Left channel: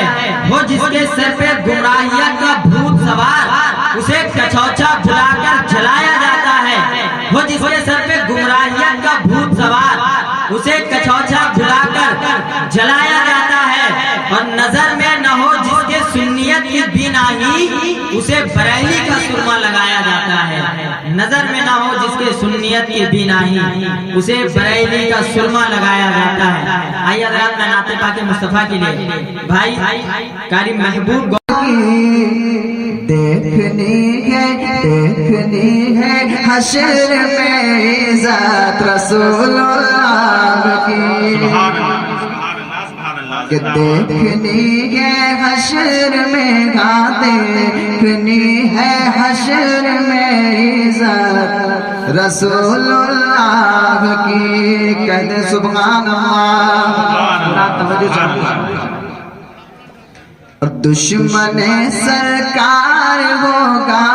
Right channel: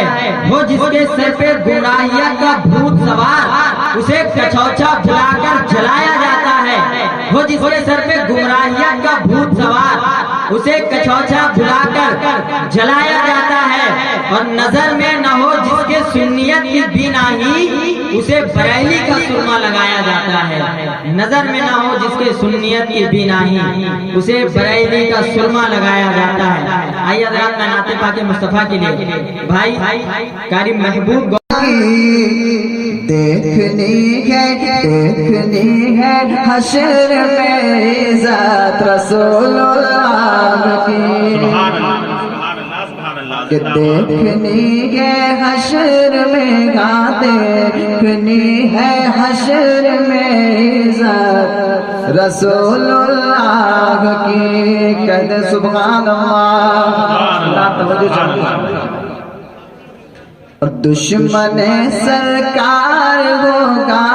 ہے وہ جس کے سر پہ گمراہیت کا بھوت سوار اسے کچوچا بھلا کر جلایا جاتا ہے وہ جس کے سر پہ گمراہیت کا بھوت سوار اسے کچوچا بھلا کر جلایا جاتا ہے اور نظر میں نہ ہو جس کے سنیت کی بیناہی اسے بریلی کا سرما لگایا جاتا ہے نظر میں نہ ہو جس کے سنیت کی بیناہی اسے بریلی کا سرما لگایا جاتا ہے آئیے حضرات میں نعت پاک مصطفیٰ کے لیے بھائی قاری محبوب دیکھنی ہے حشر میں ذات رسول اللہ کی کہ دیکھنی ہے حشر میں دیکھنی ہے حشر میں ذات رسول اللہ کی کہتے سبحان اللہ دشمن سرکار ہوگا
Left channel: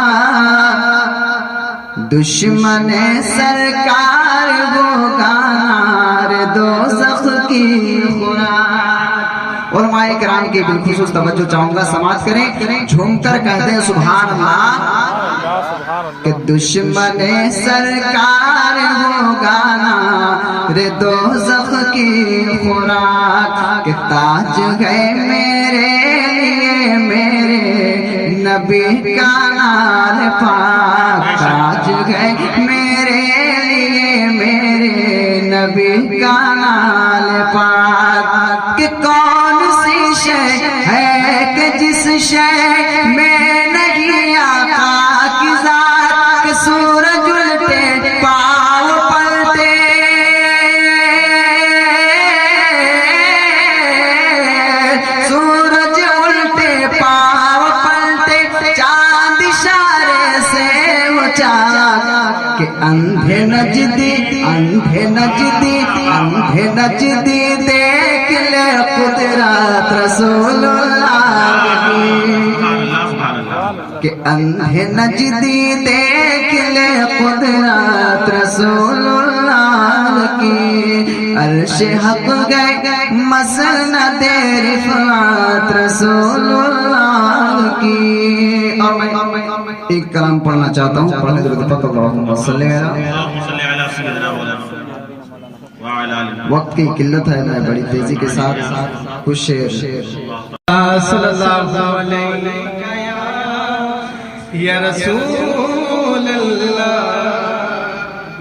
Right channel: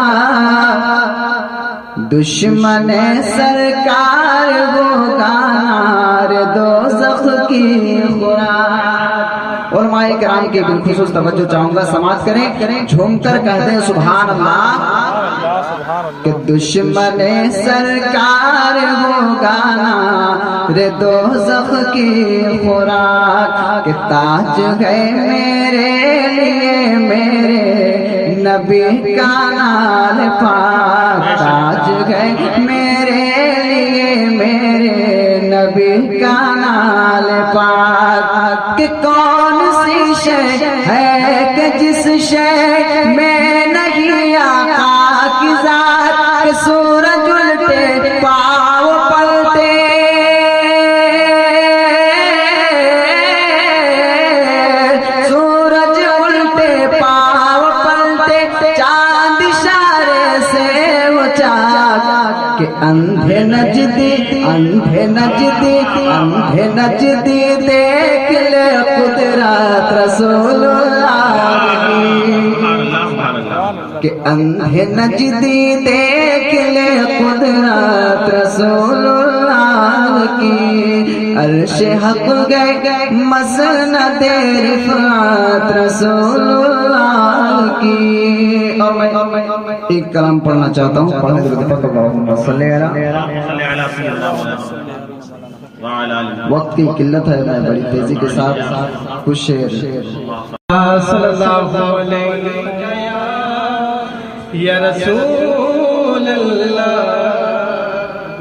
دشمن سرکار ہوگا نار دوزخ کی خوراک علماء کرام کی بالخصوص توجہ چاہوں گا سماعت کریں جھوم کر کہتے ہیں سبحان اللہ کہ دشمن سرکار ہوگا نار دوزخ کی خوراک کہ تاج ہے میرے لیے میرے نبی کا نال پاک تاج ہے میرے لیے میرے نبی کا نال پاک کہ کون سی شے ہے کہ جس شے میں نہیں آقا کی ذات کہ سورج الٹے پاؤں پلٹے سورج الٹے پاؤں پلٹے چاند اشارے سے اچھا کہ اندھے نجدی دیکھ لے قدرت رسول اللہ کہ اندھے نجدی دیکھ لے قدرت رسول اللہ کی عرش حق گئے مسند رفعت رسول اللہ کی اور میں ایک کلام پڑھنا چاہتا ہوں پڑھنے درود پاک اللہم صلی وقت کی قلت ہے میں بڑی تیزی کے ساتھ کچھ شعر صلی اللہ علیہ یا رسول اللہ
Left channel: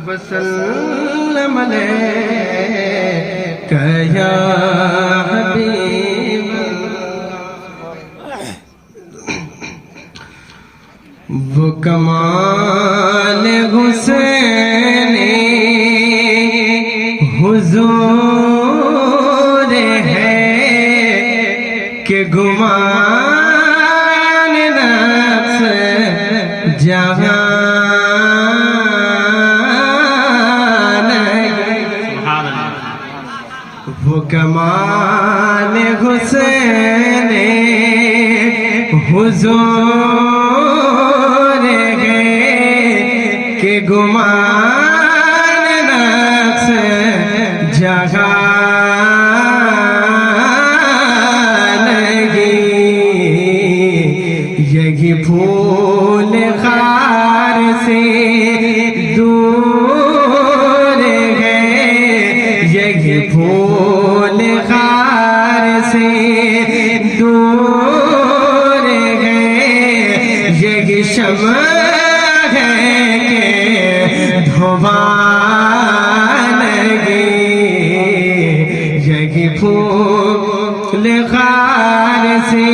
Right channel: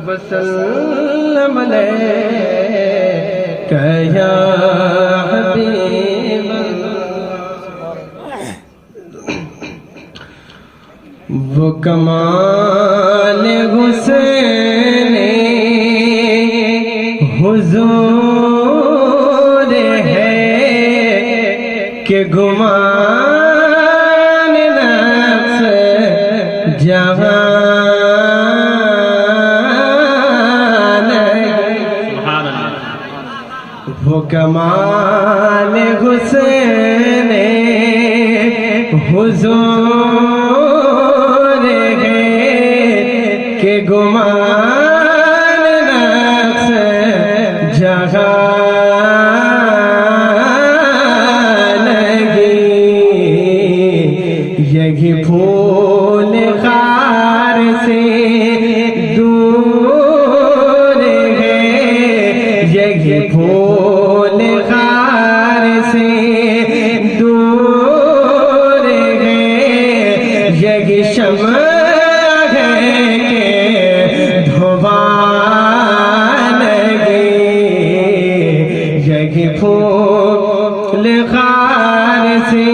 وسلم علیہ یا حبیب وہ کمال حسین حضور ہے کہ گمان نفس جہاں وہ کمال حسین حضور ہے کہ گمان نفس جہاں لگی یہی پھول خار سے دور ہے یہی پھول خار سے دور ہے یہی شمع ہے کہ دھوان لگی یہی پھول خار سے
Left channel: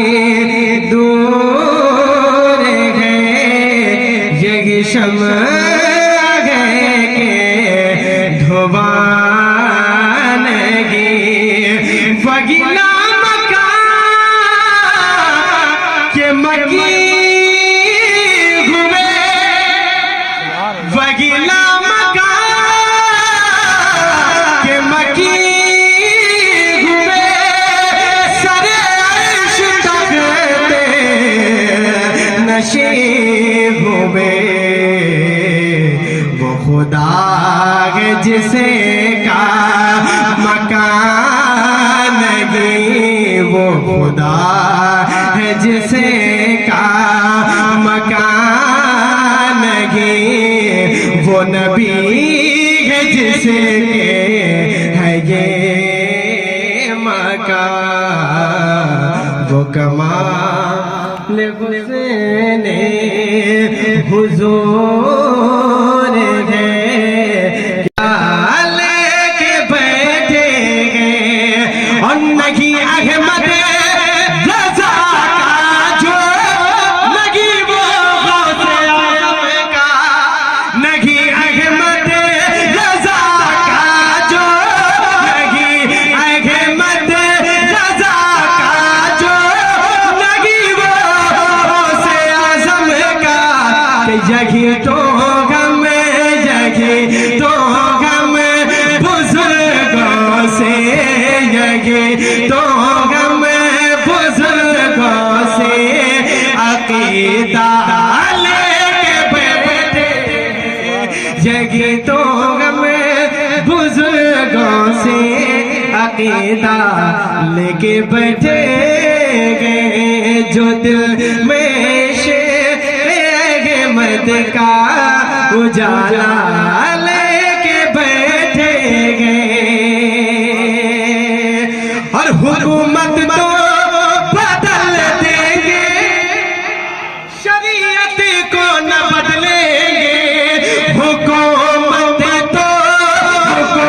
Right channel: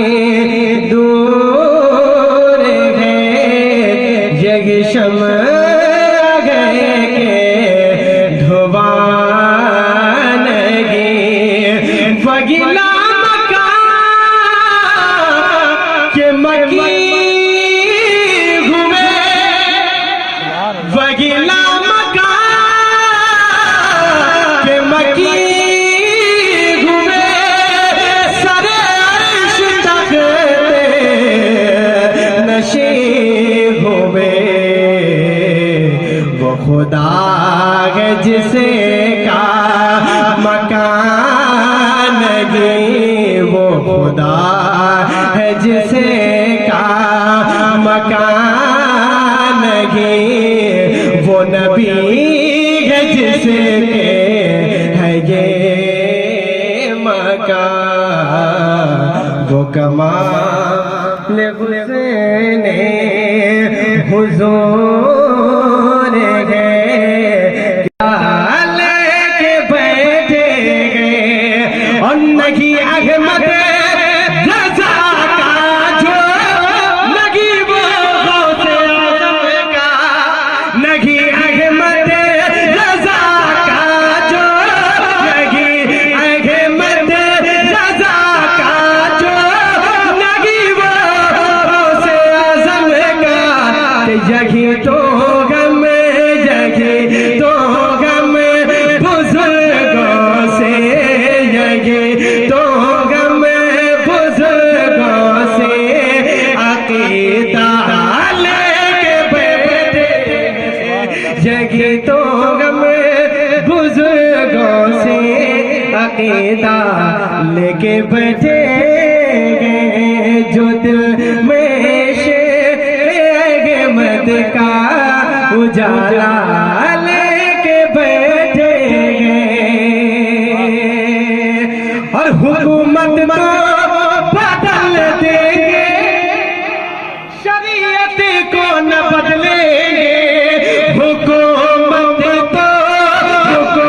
دور ہے یہی شمع ہے کہ دھوان لگی وگلا مکان کے مکی ہوئے وگلا مکان کے مکی ہوئے سر عرش تختے نشین ہوئے وہ خدا ہے جسے کا مکان گئی وہ خدا کا وہ کمال حسین حضور ہے کیا لے کے بیٹھے گئے اور نہیں احمد رضا کا جو لگی وہ غوث اعظم کا نہیں احمد رضا کا جو لگی احمد رضا کا جو لگی وہ غوث اعظم کا کہ یہی تو غم یہی تو غم بزرگوں سے یہی تو غم بزرگوں سے عقیدہ لے کے بیٹھے یہی تو غم بزرگوں سے عقیدہ لے کے بیٹھے گئے جو دل میں احمد کا اجالا لے کے بیٹھے گئے اور حکومت تو بدل دیں گے شریعت کو نہ بدلیں گے حکومت تو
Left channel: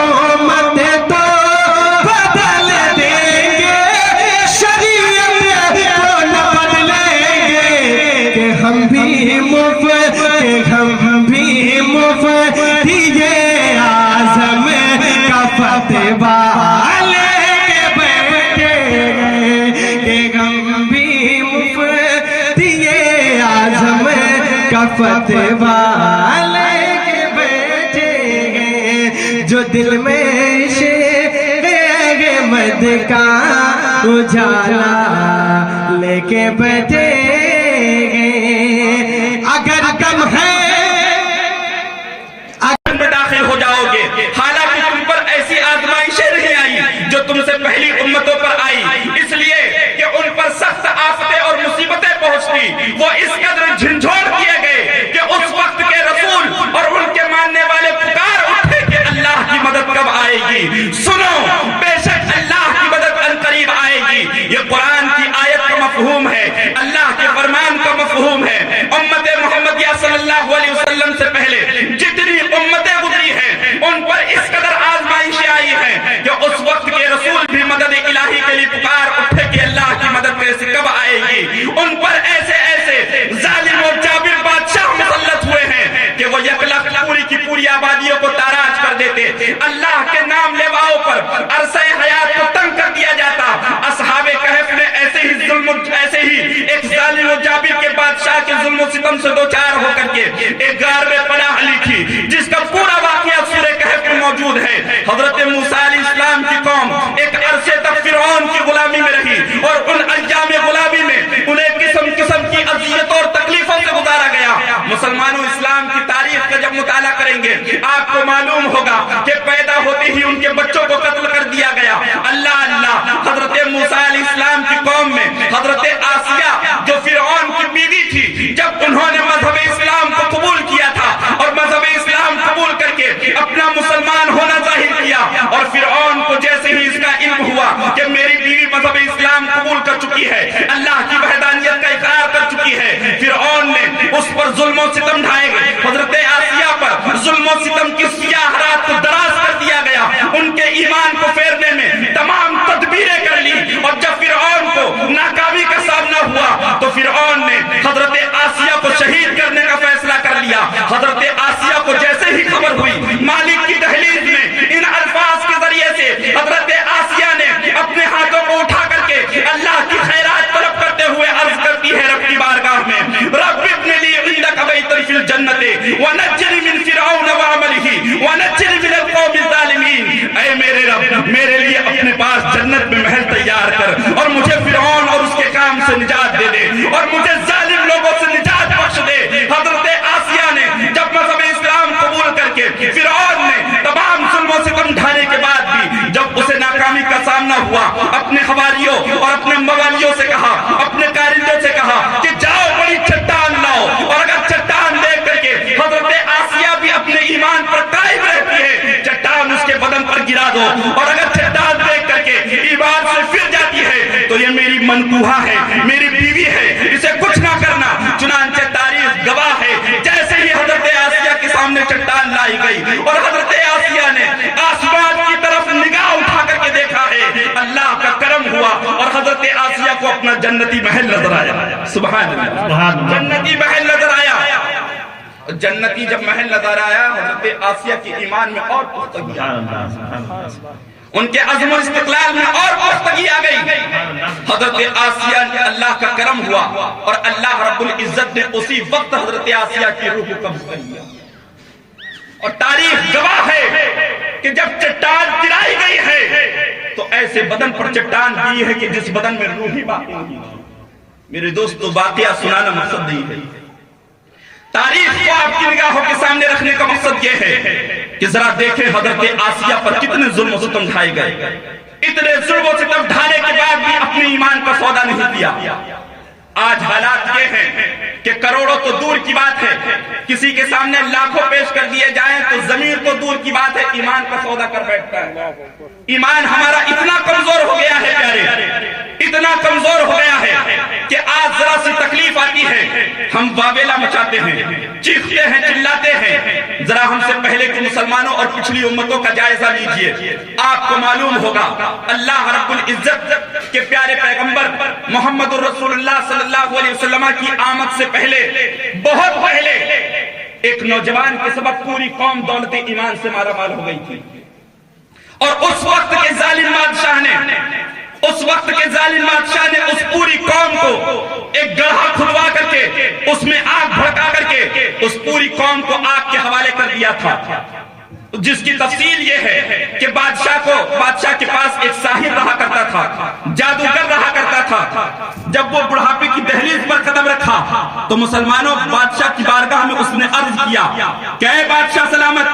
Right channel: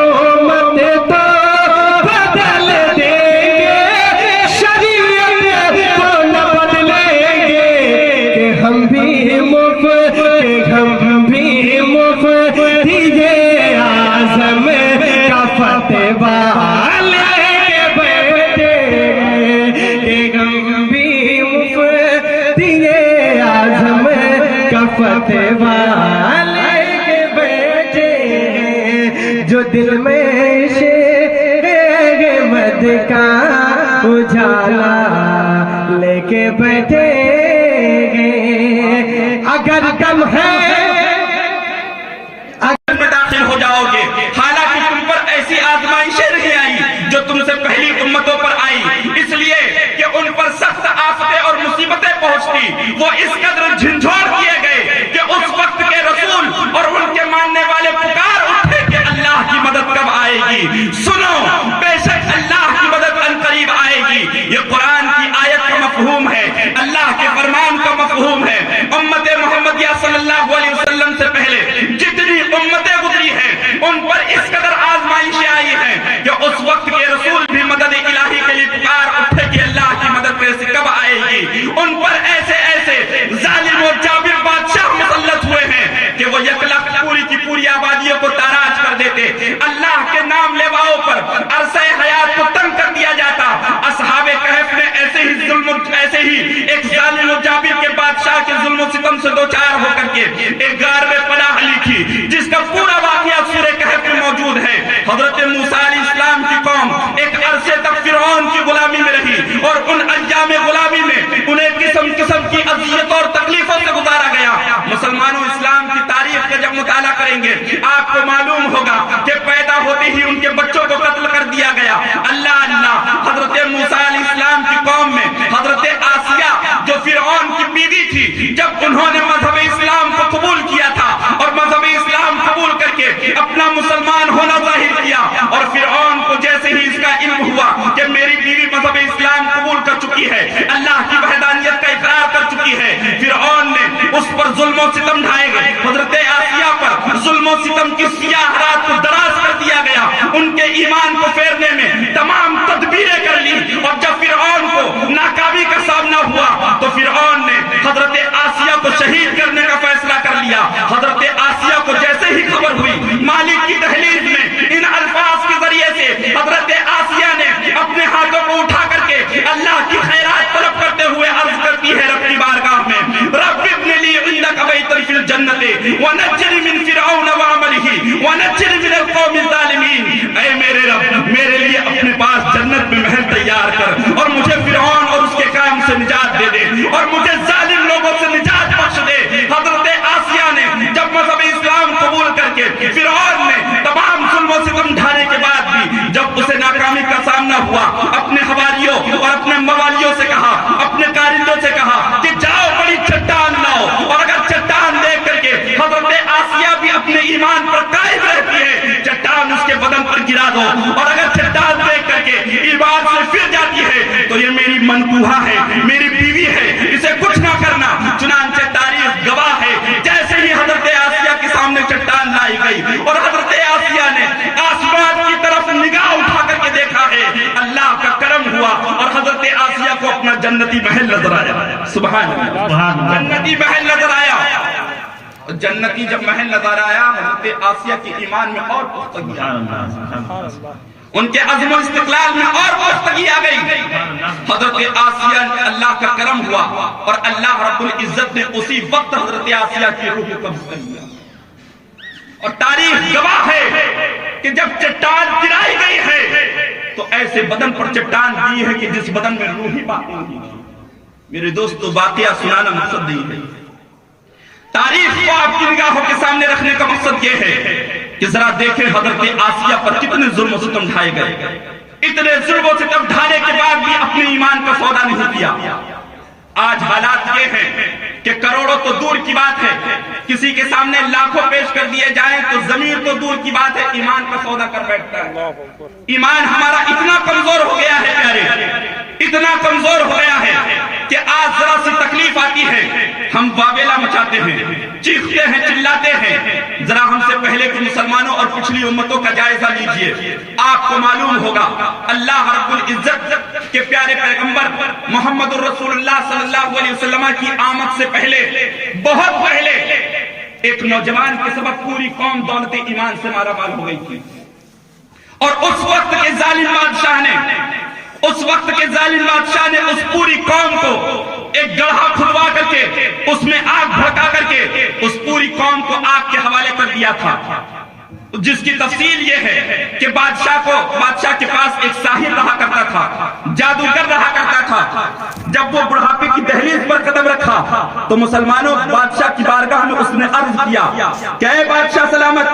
بدل دیں گے شریعت کو نہ بدلیں گے کہ ہم بھی مفتی اعظم کا فتویٰ لے کے بیٹھے گئے کہ ہم بھی مفتی اعظم کا فتویٰ لے کے بیٹھے گئے جو دل میں احمد کا اجالا لے کے بیٹھے گئے اگر کم ہے داخل ہو جاؤ گے حالانکہ تم پر ایسی آزمائشیں نہیں آئی جو تم سے پہلی امتوں پر آئی اس لیے کہ ان پر سخت آفتیں اور مصیبتیں پہنچتی وہ اس قدر جھنجھوڑ کیے گئے کہ اس وقت کے رسول اور ان کے ماننے والے پکار اٹھے کہ اللہ کی مدد کب آئے گی سنو بے شک اللہ کی مدد عنقریب آئے گی یہ قرآن کی آیت کا مفہوم ہے اللہ کے فرمان کا مفہوم ہے امت محمدیہ صلی اللہ علیہ وسلم سے پہلے جتنی امتیں گزری ہیں ان پر اس قدر آزمائشیں آئی ہیں کہ اس وقت کے رسول بھی مدد الہی کے لیے پکار اٹھے کہ اللہ کی مدد کیسے کب آئے گی ان پر ایسے ایسے ظالم و جابر بادشاہ مسلط ہوئے ہیں کہ وہ یکلخت پوری کی پوری آبادیوں کو تاراج کر دیتے اللہ کے نام لیواؤں پر عرصہ حیات کو تنگ کر دیا جاتا اصحاب کہف نے ایسے ہی ایک ظالم و جابر کے بادشاہ کے ظلم و ستم سے دوچار ہو کر کے ایک غار میں پناہ لکھی جس کا پورا واقعہ سورہ کہف میں موجود ہے حضرت موسیٰ علیہ السلام کی قوم ایک عرصے تک فرعون کی غلامی میں رہی اور ان ایام غلامی میں انہیں قسم قسم کی اذیت اور تکلیفوں سے گزارا گیا مسلمانوں اسلام کی تاریخ کا جب مطالعہ کریں گے آپ کو معلوم ہوگا کہ پیدا ہوتے ہی ان کے بچوں کو قتل کر دیا گیا اللہ حضرت موسیٰ علیہ السلام کی قوم میں حضرت آسیہ جو فرعون کی بیوی تھی جب انہوں نے مذہب اسلام کو قبول کیا تھا اور مذہب اسلام قبول کر کے اپنا مسلمان ہونا ظاہر کیا اور فرعون کو جیسے ہی اس کا علم ہوا کہ میری بیوی مذہب اسلام قبول کر چکی ہے اللہ کی وحدانیت کا اقرار کر چکی ہے فرعون نے اس پر ظلم و ستم ڈھائے گئے حضرت آسیہ پر ظلم و ستم کی سیاہ رات کو دراز کر دیا گیا ان کے ایمان کو پھیرنے میں تمام تدبیریں کر لی اور جب فرعون کو ناکامی کا سامنا ہوا تو فرعون نے حضرت آسیہ کو شہید کرنے کا فیصلہ کر لیا حضرت آسیہ کو جیسے ہی خبر ہوئی مالک کی دہلیز میں ان الفاظ کے ذریعے سے حضرت آسیہ نے اپنے ہاتھوں کو اٹھا کر کے اللہ کی خیرات طلب کرتے ہوئے عرض کرتی ہے رب کی بارگاہ میں رب ابن لی عندک بیتا فی الجنت ونجنی من فرعون وعملہ ونجنی من القوم الظالمین اے میرے رب میرے لیے اپنے پاس جنت میں محل تیار کر اور مجھے فرعون اور اس کے کام سے نجات دے دے اور مجھے ظالم لوگوں سے نجات بخش دے حضرت آسیہ نے جب مذہب اسلام قبول کر کے فرعون نے تمام ظلم و ستم ڈھانے کے بعد بھی جب اسے ناکامی کا سامنا ہوا اپنے حواریوں اور اپنے موالیوں سے کہا اپنے کارندوں سے کہا کہ جاؤ بڑی چٹان لاؤ اور اگر چٹان دیکھ کر کے حضرت آسیہ بھی اپنے ایمان پر قائم رہتی ہے چٹان اس کے بدن پر گرا دو اور اگر چٹان دیکھ کر کر کے عبادت سے پھر جاتی ہے تو یہ میری منقوہا ہے، میری بیوی ہے، اسے کچھ نہ کرنا۔ چنانچہ تاریخ گواہ ہے جیسے ہی حضرت آسیہ کے سامنے چٹان لائی گئی اور حضرت آسیہ نے آسمان کی طرف نگاہ اٹھا کر کے دیکھا ہے، اللہ کا کرم ہوا اور حضرت آسیہ کو اپنا جنتی محل نظر آیا۔ سبحان اللہ، جنتی محل نظر آیا۔ جنتی جب محل نظر آیا حضرت آسیہ کے ایمان میں اور پختگی آ گئی، ان کے عزم و استقلال میں اور پختگی آ گئی۔ حضرت آسیہ نے اللہ کا کرم ہوا اور اللہ رب العزت نے اسی وقت حضرت آسیہ کی روح کو قبض کر لیا۔ اور تاریخ گواہ ہے کہ جب چٹان گرائی گئی ہے تو ایسے بدن پر چٹان دی ہے کہ جس بدن میں روح ہی باقی نہیں۔ میرے دوستو، واقعہ سنانا مقصد نہیں ہے، تاریخ کو آپ کی نگاہوں کے سامنے رکھنے کا مقصد یہ ہے کہ ذرا دیکھیں حضرت آسیہ پر کتنے ظلم و ستم ڈھائے گئے۔ اتنے ظلم و ستم ڈھانے کے بعد بھی اپنے ایمان پر سودا نہیں کیا۔ آج حالات یہ ہیں کہ کروڑوں تو دور کی بات ہے، کسی کے سامنے لاکھوں پیش کر دیے جائیں تو ضمیر تو دور کی بات ہے، ایمان کا سودا کر بیٹھتا ہے۔ ایمان ہمارا اتنا کمزور ہو گیا ہے پیارے، اتنا کمزور ہو گیا ہے کہ آج ذرا سی تکلیف آتی ہے ہم واویلا مچاتے ہیں، چیختے ہیں، چلاتے ہیں۔ ذرا ہم سے پہلے کے مسلمانوں اور پچھلی امتوں کا جائزہ لیجئے، آپ کو معلوم ہوگا اللہ رب العزت کے پیارے پیغمبر محمد الرسول اللہ صلی اللہ علیہ وسلم کی آمد سے پہلے، بہت پہلے، ایک نوجوان کے سبب پوری قوم دولت ایمان سے مارا مال ہو گئی تھی۔ اور اس وقت کے ظالم بادشاہ نے اس پوری قوم کو ایک گڑھا کھدوا کر کے اس میں آگ بھڑکا کر کے اس پوری قوم کو آگ کے حوالے کر دیا تھا، جس کی تفصیل یہ ہے کہ بادشاہ کے پاس ایک ساحر رہا کرتا تھا، جادوگر رہا کرتا تھا۔ جب وہ بڑھاپے کی دہلیز پر قدم رکھا تو مسلمانوں بادشاہ کی بارگاہ میں اس نے عرض کیا کہ اے بادشاہ سلامت،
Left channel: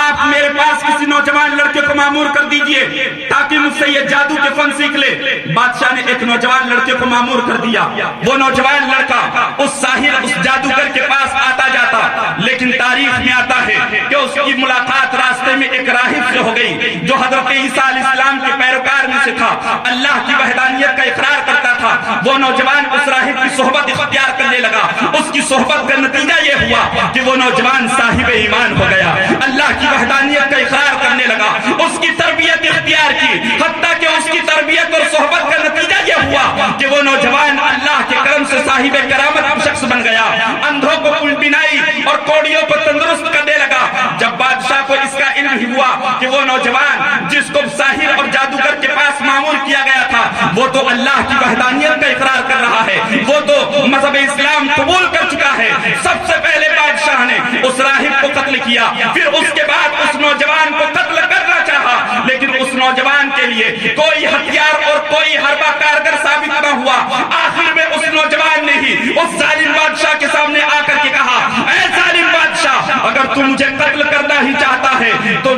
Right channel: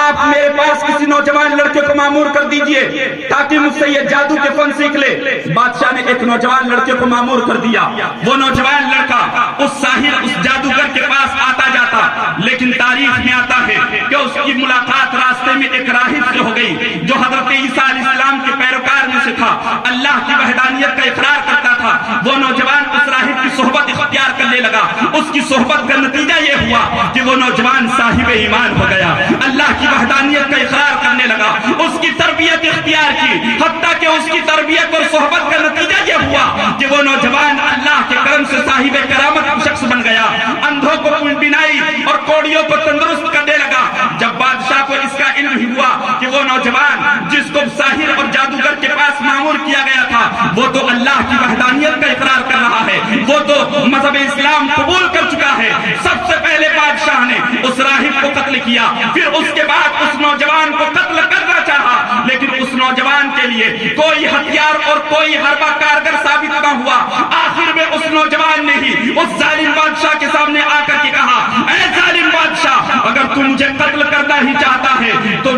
آپ میرے پاس کسی نوجوان لڑکے کو مامور کر دیجئے تاکہ مجھ سے یہ جادو کے فن سیکھ لے۔ بادشاہ نے ایک نوجوان لڑکے کو مامور کر دیا۔ وہ نوجوان لڑکا اس ساحر، اس جادوگر کے پاس آتا جاتا، لیکن تاریخ میں آتا ہے کہ اس کی ملاقات راستے میں ایک راہب سے ہو گئی جو حضرت عیسیٰ علیہ السلام کے پیروکار میں سے تھا، اللہ کی وحدانیت کا اقرار کرتا تھا۔ وہ نوجوان اس راہب کی صحبت اختیار کرنے لگا، اس کی صحبت کا نتیجہ یہ ہوا کہ وہ نوجوان صاحب ایمان ہو گیا، اللہ کی وحدانیت کا اقرار کرنے لگا، اس کی تربیت اختیار کی، حتیٰ کہ اس کی تربیت اور صحبت کا نتیجہ یہ ہوا کہ وہ نوجوان اللہ کے کرم سے صاحب کرامت شخص بن گیا، اندھوں کو بینائی اور کوڑیوں کو تندرست کرنے لگا۔ جب بادشاہ کو اس کا علم ہوا کہ وہ نوجوان جس کو ساحر اور جادوگر کے پاس معمور کیا گیا تھا وہ تو اللہ کی وحدانیت کا اقرار کر رہا ہے، وہ تو مذہب اسلام قبول کر چکا ہے، سب سے پہلے بادشاہ نے اس راہب کو قتل کیا، پھر اس کے بعد اس نوجوان کو قتل کرنا چاہا، لیکن اس نوجوان کے لیے کوئی ہتھیار اور کوئی حربہ کارگر ثابت نہ ہوا۔ آخر میں اس نوجوان نے ہی اس ظالم بادشاہ کے سامنے آ کر کے کہا، اے ظالم بادشاہ، اگر تم مجھے قتل کرنا ہی چاہتا ہے تو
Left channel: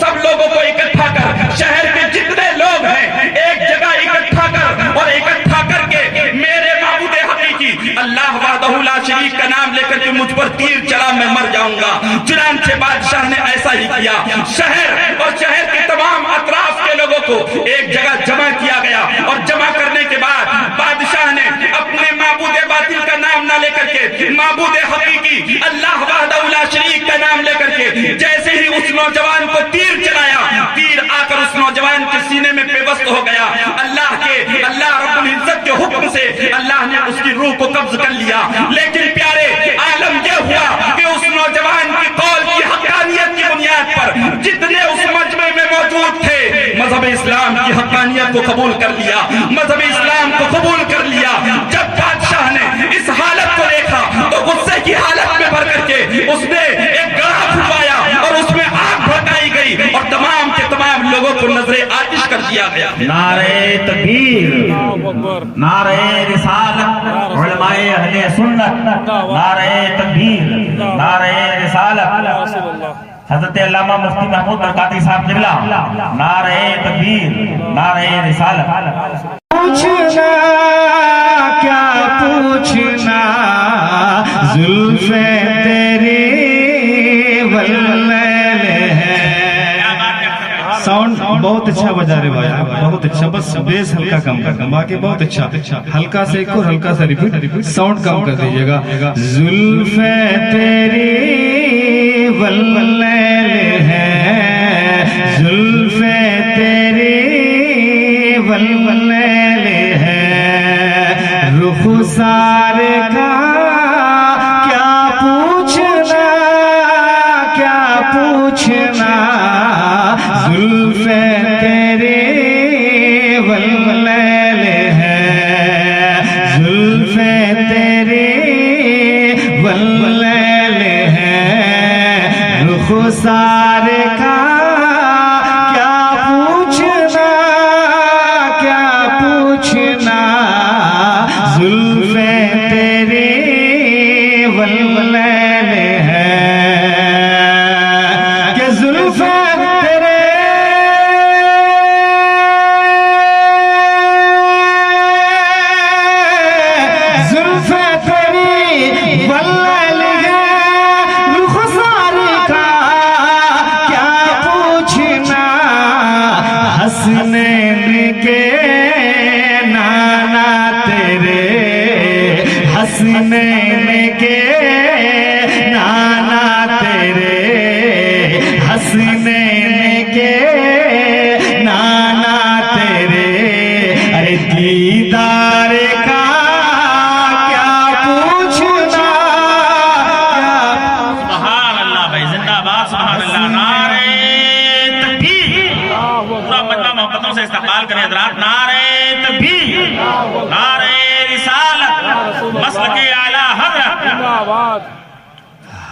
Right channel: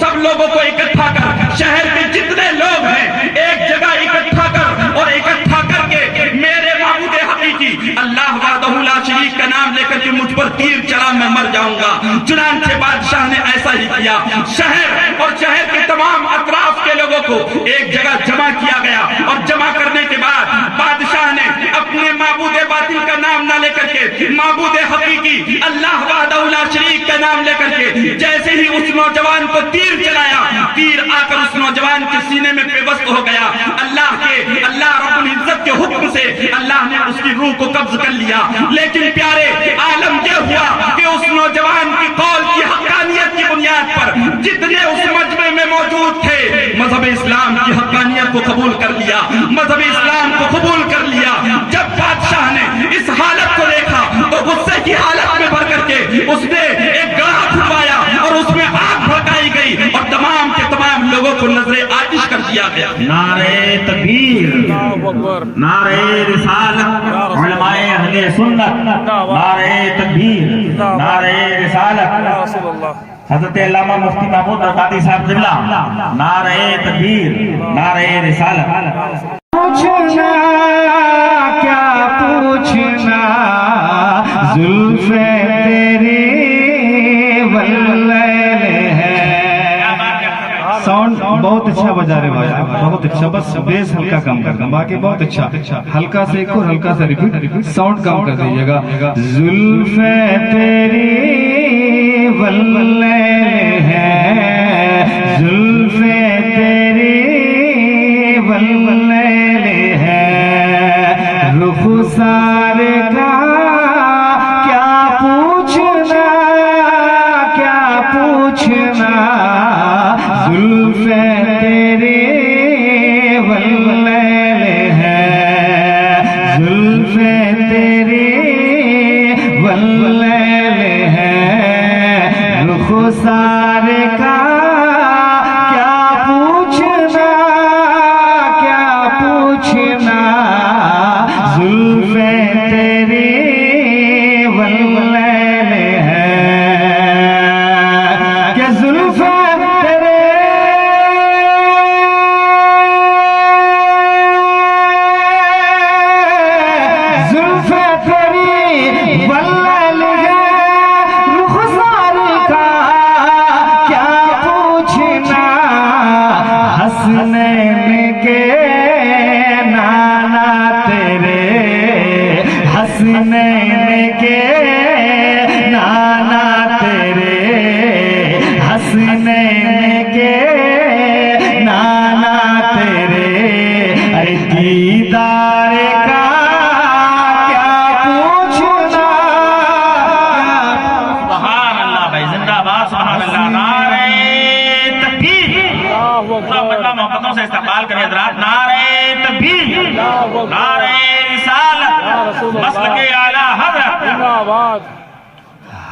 سب لوگوں کو اکٹھا کر، شہر کے جتنے لوگ ہیں ایک جگہ اکٹھا کر اور اکٹھا کر کے میرے معبود حقیقی اللہ وحدہ لا شریک کا نام لے کر کے مجھ پر تیر چلا، میں مر جاؤں گا۔ چنانچہ بادشاہ نے ایسا ہی کیا، شہر اور شہر کے تمام اطراف کے لوگوں کو ایک جگہ جمع کیا گیا اور جمع کرنے کے بعد بادشاہ نے اپنے معبود باطل کا نام نہ لے کر کے معبود حقیقی اللہ وحدہ لا شریک کا نام لے کر کے جیسے ہی اس نوجوان کو تیر چلایا، تیر آ کر اس نوجوان کے سینے میں پیوست ہو گیا۔ اللہ رب العزت کے حکم سے اللہ نے اس کی روح کو قبض کر لیا، لیکن پیارے عالم یہ ہوا کہ اس نوجوان کی قول کی حقانیت کی بنیاد پر جتنے اس مجمع میں موجود تھے مذہب اسلام کی حقانیت کو قبول کر لیا، مذہب اسلام کو قبول کر لیا۔ جب بادشاہ نے اس حالت کو دیکھا تو غصے کی حالت میں بھر کر کے اس نے ایک گڑھا کھدوایا اور اس میں آگ بھڑکائی گئی اور تمام کے تمام لوگوں کو نظر آتش کر دیا گیا۔ نعرہ تکبیر، نعرہ رسالت، علماء اہل سنت، نعرہ تکبیر، نعرہ رسالت، حضرت علامہ مفتی محمود برکاتی صاحب قبلہ، نعرہ تکبیر، نعرہ رسالت۔ پوچھنا کیا پوچھنا زلف تیری واللیل ہے، ساؤنڈ بہت بہت اچھا بجا رہے بھائی بہت اچھا بس بیس ہلکا کم کر دیں باقی بہت اچھا ہلکا سے ایک اور ہلکا سا ریپیٹ ساؤنڈ کم کر دیجئے گا زلفیں تیری واللیل ہے زلفیں تیری واللیل ہے رخسار کا کیا پوچھنا زلفیں تیری واللیل ہے زلفیں تیری واللیل ہے رخسار کا کیا پوچھنا زلفیں تیری واللیل ہے کہ زلفیں تیری واللیل ہے رخسار کا کیا پوچھنا حسنین کے نانا تیرے حسنین کے نانا تیرے حسنین کے نانا تیرے ارے دیدار کا کیا پوچھنا سبحان اللہ بھائی زندہ باد سبحان اللہ نعرہ تکبیر پورا مجمع محبتوں سے استقبال کریں حضرات نعرہ تکبیر نعرہ رسالت مسلک اعلیٰ حضرت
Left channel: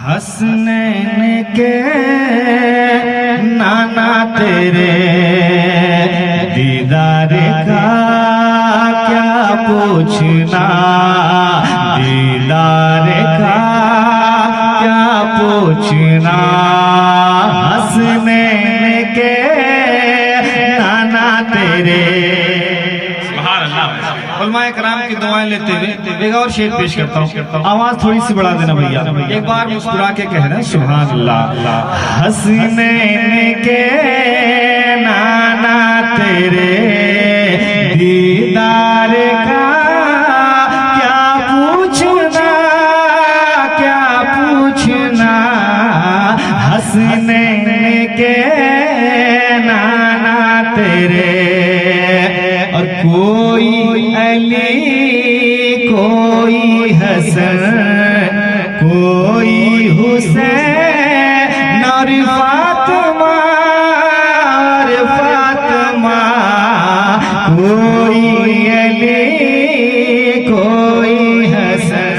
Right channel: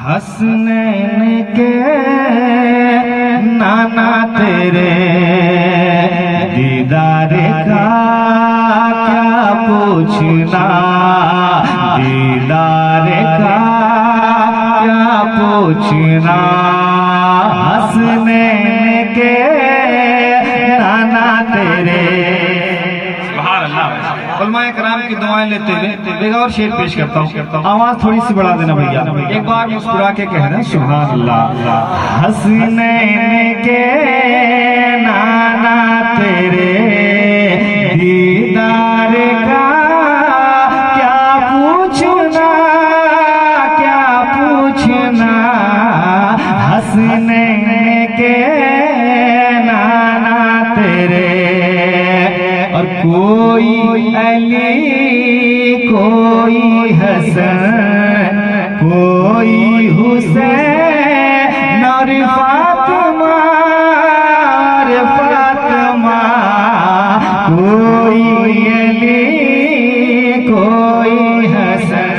حسنین کے نانا تیرے دیدار کا کیا پوچھنا دیدار کا کیا پوچھنا حسنین کے نانا تیرے سبحان اللہ علماء کرام کی دعائیں لیتے ہوئے ایک اور شعر پیش کرتا ہوں آواز تھوڑی سی بڑھا دینا بھیا ایک بار مسکرا کے کہنا سبحان اللہ حسنین کے نانا تیرے دیدار کا کیا پوچھنا حسنین کے نانا تیرے اور کوئی علی کوئی حسن کوئی حسین اور فاطمہ کوئی علی کوئی حسن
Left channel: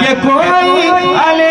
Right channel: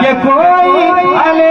کہ کوئی علی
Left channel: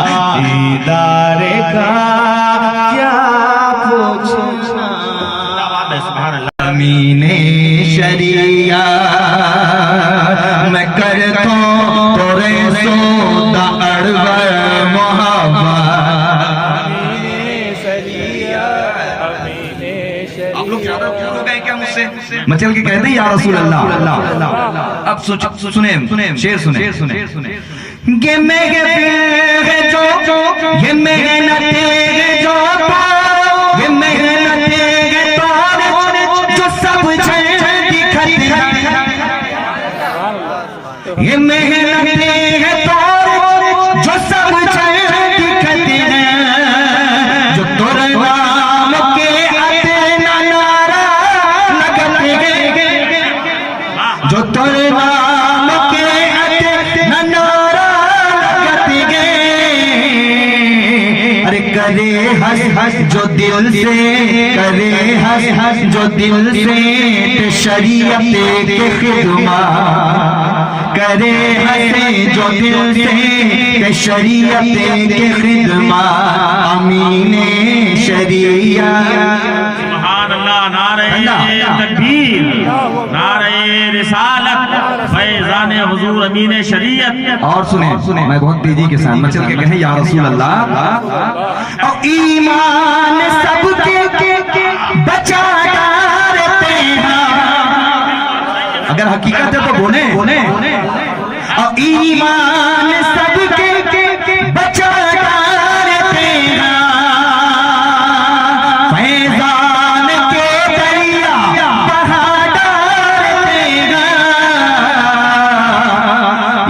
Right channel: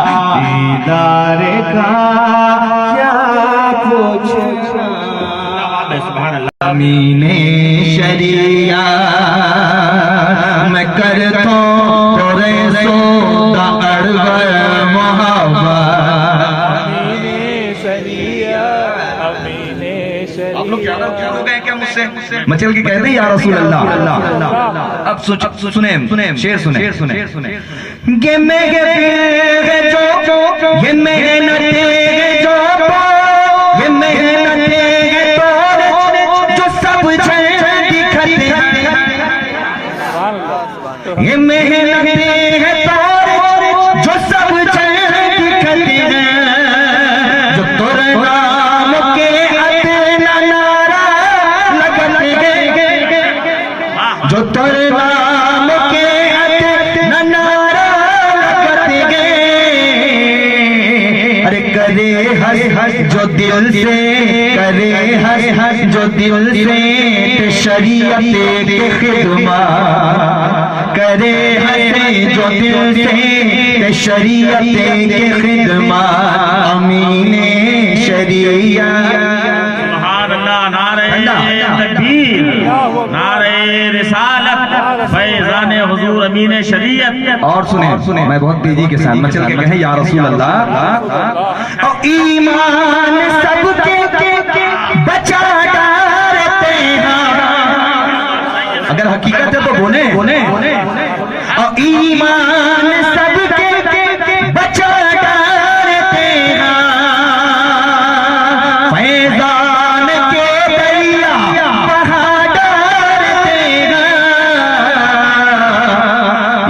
دیدار کا کیا پوچھنا امین شریعہ میں کرتا تو سودا اڑوائے محبت آپ لوگ ہو گئے کیا مجھ سے مچل کے کہتے ہیں یا رسول اللہ اب سنیں شعر سنیں یہ محنت یہ محنت جو سب دکھتے یہ محنت جو سب دکھتے جو تور نام کے اتنا نعرہ لگتے گئے جو تور نام کے اتنا نعرہ کرے دل سے کرے ہنس جو دل سے شریعت کے خدمات کرے ہنس جو دل سے شریعت کے خدمات امین شریعت سبحان اللہ نعرہ تکبیر نعرہ رسالت فیضان حضور امین شریعت اور سنیں میں بہت تیزی کے سامنے چل کے کہیں یا رسول اللہ اور ایمان سب کے بچا ڈالتے ہیں اگر حقیقت ہے تو بولیں اور ایمان سب کے بچا ڈالتے ہیں فیضان کے دریا بہا ڈالتے ہیں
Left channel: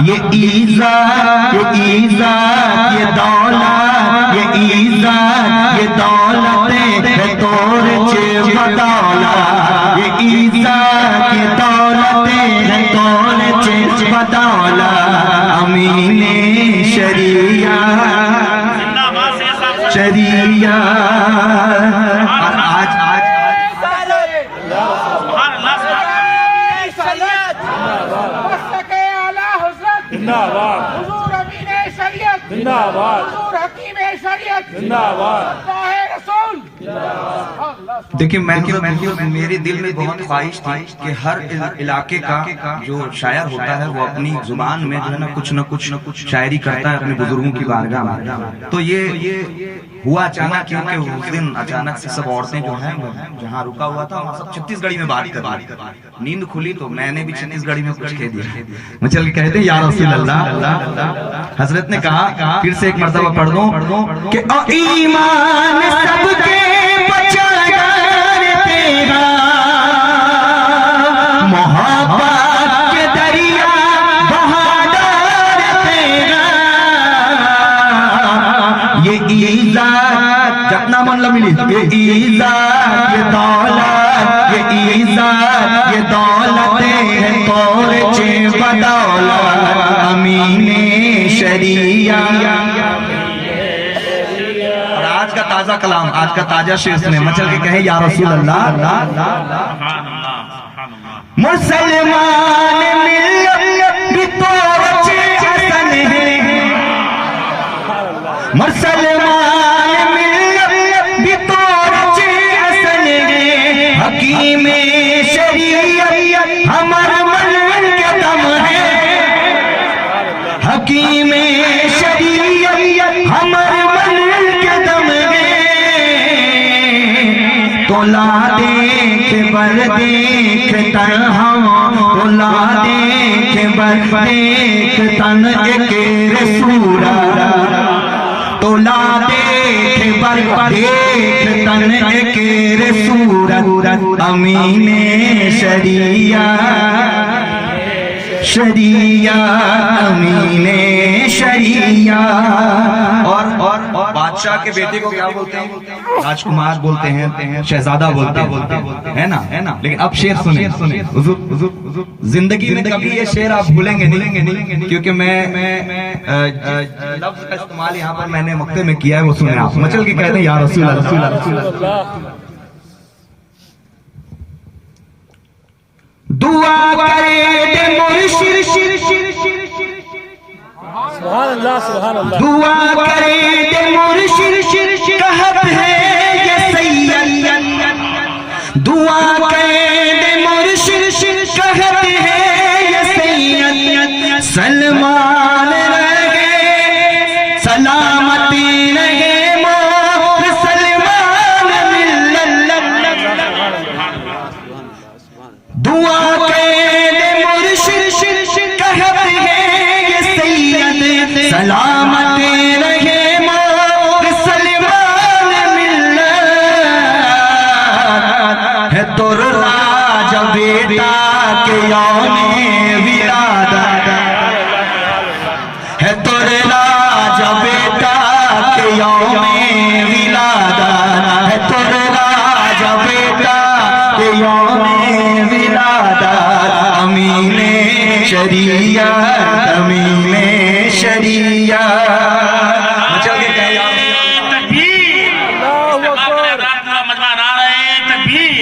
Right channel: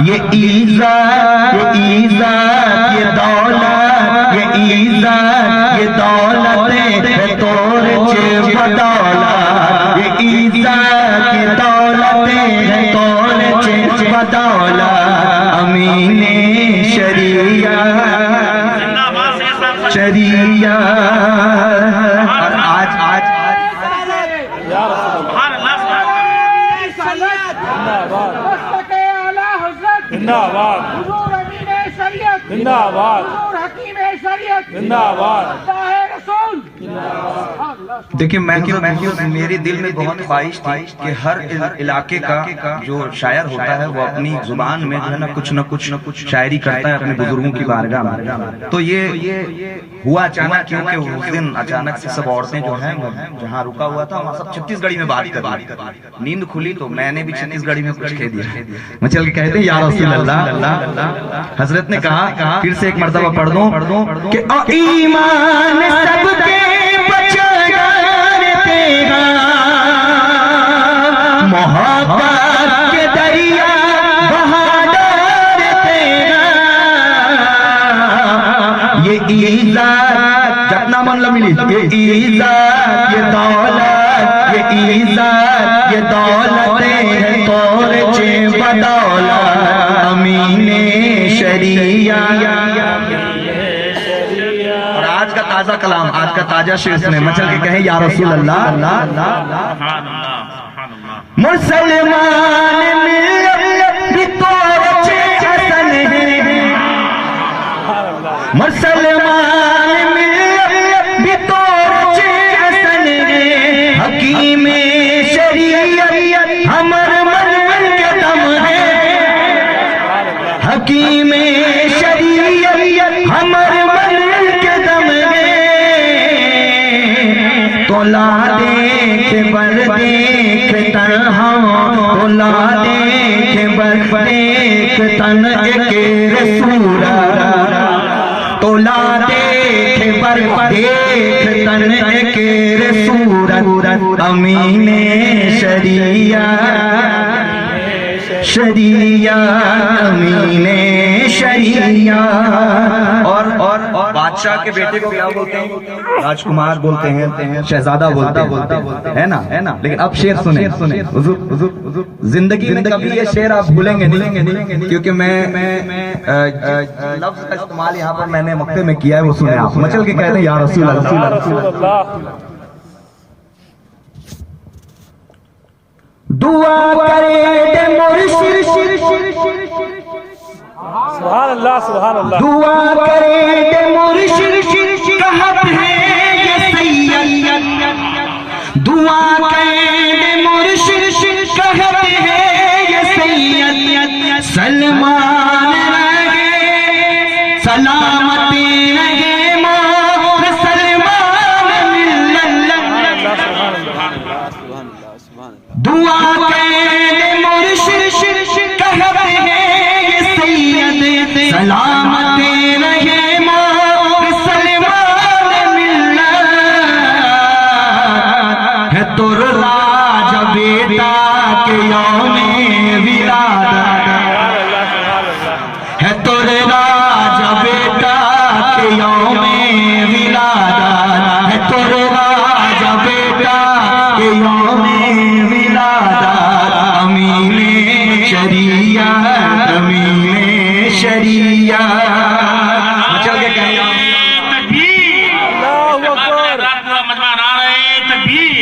یہ عزت یہ دولت یہ دولت ہے تور چے بدولت یہ عزت یہ دولت ہے تور چے بدولت امین شریعت آج دیکھیں میں میرے دل میں بہت خواہش تھی کہ ہر علاقے کا جو شاعر ہوتا ہے وہ اپنی زبان میں جو ہے نا کچھ شاعری کرتا ہے اپنے بزرگوں کی بارگاہ میں. تو یہ ہوا اچانک کیونکہ اس دن اچانک سے سب عورتیں جو ہیں جہاں رکا ہوا تھا وہاں سب چھتیس گڑھی میں بات کر رہی تھی. نیند کھلی تو میں نے بھی چھتیس گڑھی میں کچھ کہہ دیا. میں چل کے کہتے ہیں یا رسول اللہ. حضرت نے کہا پھر سے ایک مرتبہ پڑھ دوں کہ ایمان سب کے بچا ڈالتے ہیں محبت کے دریا بہا ڈالتے ہیں یہ عزت جتنا من ملی یہ عزت یہ دولت یہ دولت ہے تور چے بدولت امین شریعت. اور آج کا تازہ کلام آج کا تازہ شعر سنیں. میں چل کے کہیں یا رسول اللہ مسلمان ملت بھی تور چے حسن ہے مسلمان ملت بھی تور چے حسن ہے حکیم شریعت ہمر من کے دم ہے حکیم شریعت ہمر من کے دم ہے تولا دیکھ بر دیکھ تن تولا دیکھ بر دیکھ تن ایک رسول تولا دیکھ بر دیکھ تن ایک رسول امین شریعت امین شریعت. اور بادشاہ کے بیٹے کو کیا بولتے ہیں؟ راجکمار بولتے ہیں شہزادہ بولتے ہیں ہے نا. لیکن اب شعر سنیں حضور زندگی میں کبھی یہ شعر آپ بھولیں گے نہیں کیونکہ میں لفظ کا استعمال یہاں پر میں نے مکتے میں کیا ہے وہ سنیں آپ. مچل کے کہتے ہیں یا رسول اللہ دعا کرے دے مرشد سبحان اللہ دعا کرے دے مرشد کہت ہے یہ سید دعا کرے دے مرشد کہت ہے یہ سید سلمان رہے سلامتی رہے موت سلمان ملت دعا کرے مرشد کہت ہے یہ سید سلامت رہے موت سلمان ملت ہے تو راج بیٹا کے یوم ولادت ہے تو راج بیٹا کے یوم ولادت ہے تو راج بیٹا کے یوم امین شریعت امین شریعت. چل کے کہیں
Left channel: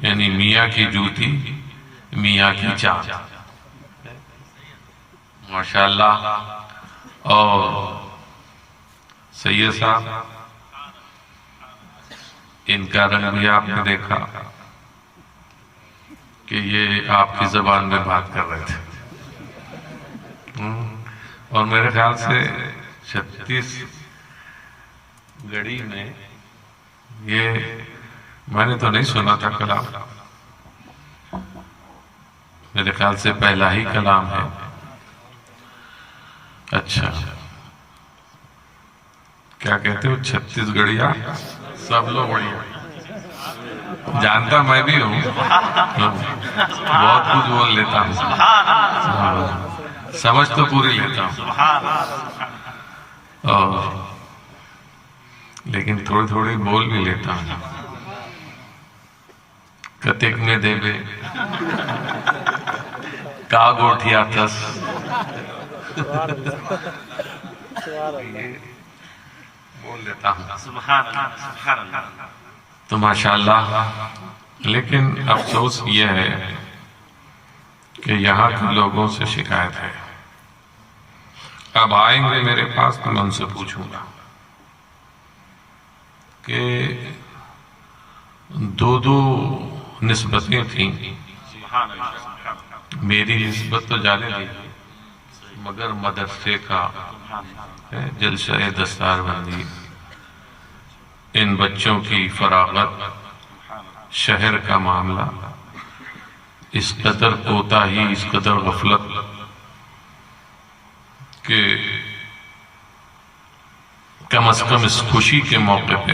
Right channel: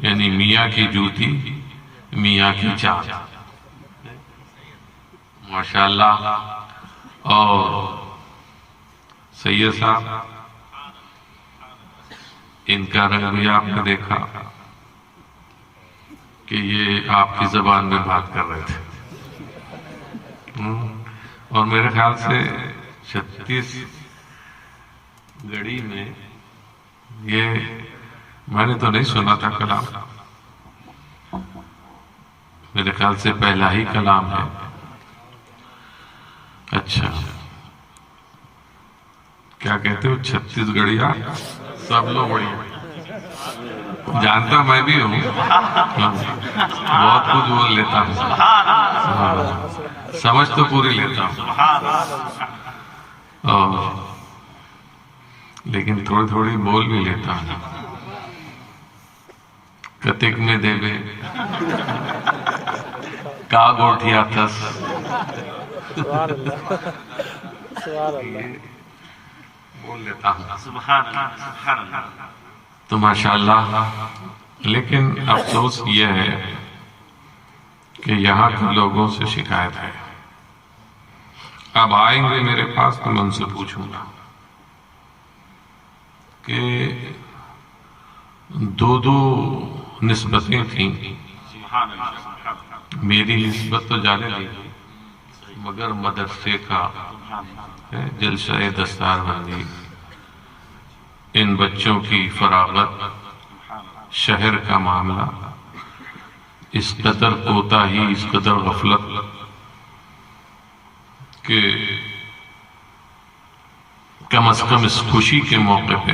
یعنی میاں کی جوتی میاں کی چاند، ماشاءاللہ. اور سید صاحب ان کا رنگ بھی آپ نے دیکھا کہ یہ آپ کی زبان میں بات کر رہے تھے. اور میرے خیال سے 36 گڑی میں یہ میں نے تو نہیں سنا تھا کلام، میرے خیال سے پہلا ہی کلام ہے. اچھا کیا کہتے ہو 36 گڑیاں سب لوگ بڑھیا جانتا میں بھی ہوں، بہت کچھ بول لیتا ہوں، سمجھ تو پوری لیتا ہوں، لیکن تھوڑی تھوڑی بول بھی لیتا ہوں. کتک میں دے بے کا گوٹھیا تس بول لیتا ہوں تو ماشاءاللہ. لیکن افسوس یہ ہے کہ یہاں کے لوگوں سے شکایت ہے. اب آئیں گے میرے پاس تو میں ان سے پوچھوں گا کہ دو نسبتیں تھیں. میری نسبت تو جانے نہیں، مگر مدرسے کا جلسہ دستار بندی، ان بچوں کی فراغت، شہر کا معاملہ، اس قدر کوتاہی، اس قدر غفلت کہ کم از کم اس خوشی کے موقع پہ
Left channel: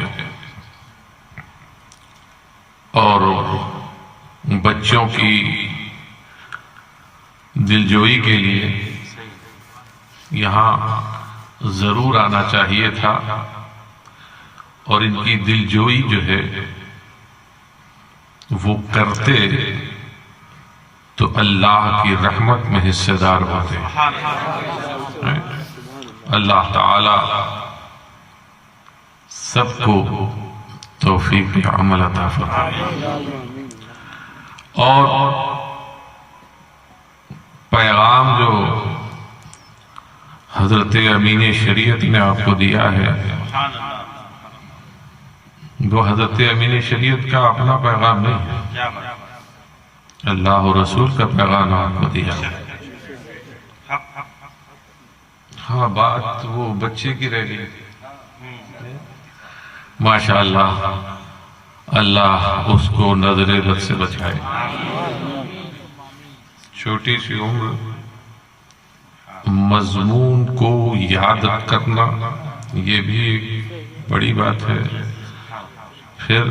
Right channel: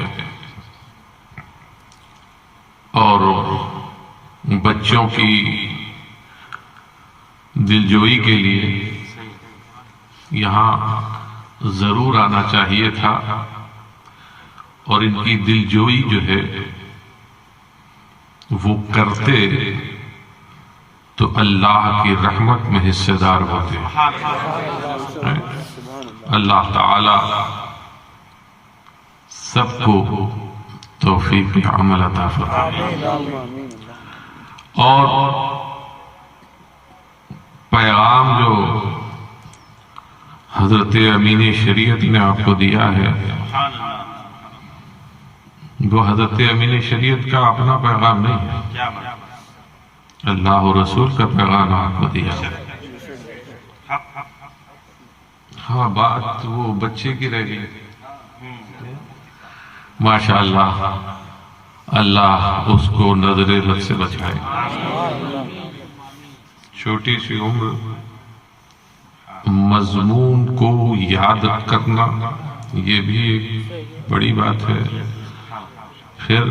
اور بچوں کی دلجوئی کے لیے یہاں ضرور آنا چاہیے تھا. اور ان کی دلجوئی جو ہے وہ کرتے تو اللہ کی رحمت میں حصے دار ہوتے. اللہ تعالی سب کو توفیق عمل عطا فرمائے. اور پیغام جو حضرت امین شریعت نے آپ کو دیا ہے وہ حضرت امین شریعت کا اپنا پیغام نہیں ہے، اللہ و رسول کا پیغام آپ کو دیا ہے. ہاں بات وہ بچے کی رہ گئی. ماشاءاللہ اللہ اس کو نظر بد سے بچائے. چھوٹی سی عمر مضمون کو یاد کرنا یہ بھی ایک بڑی بات ہے. پھر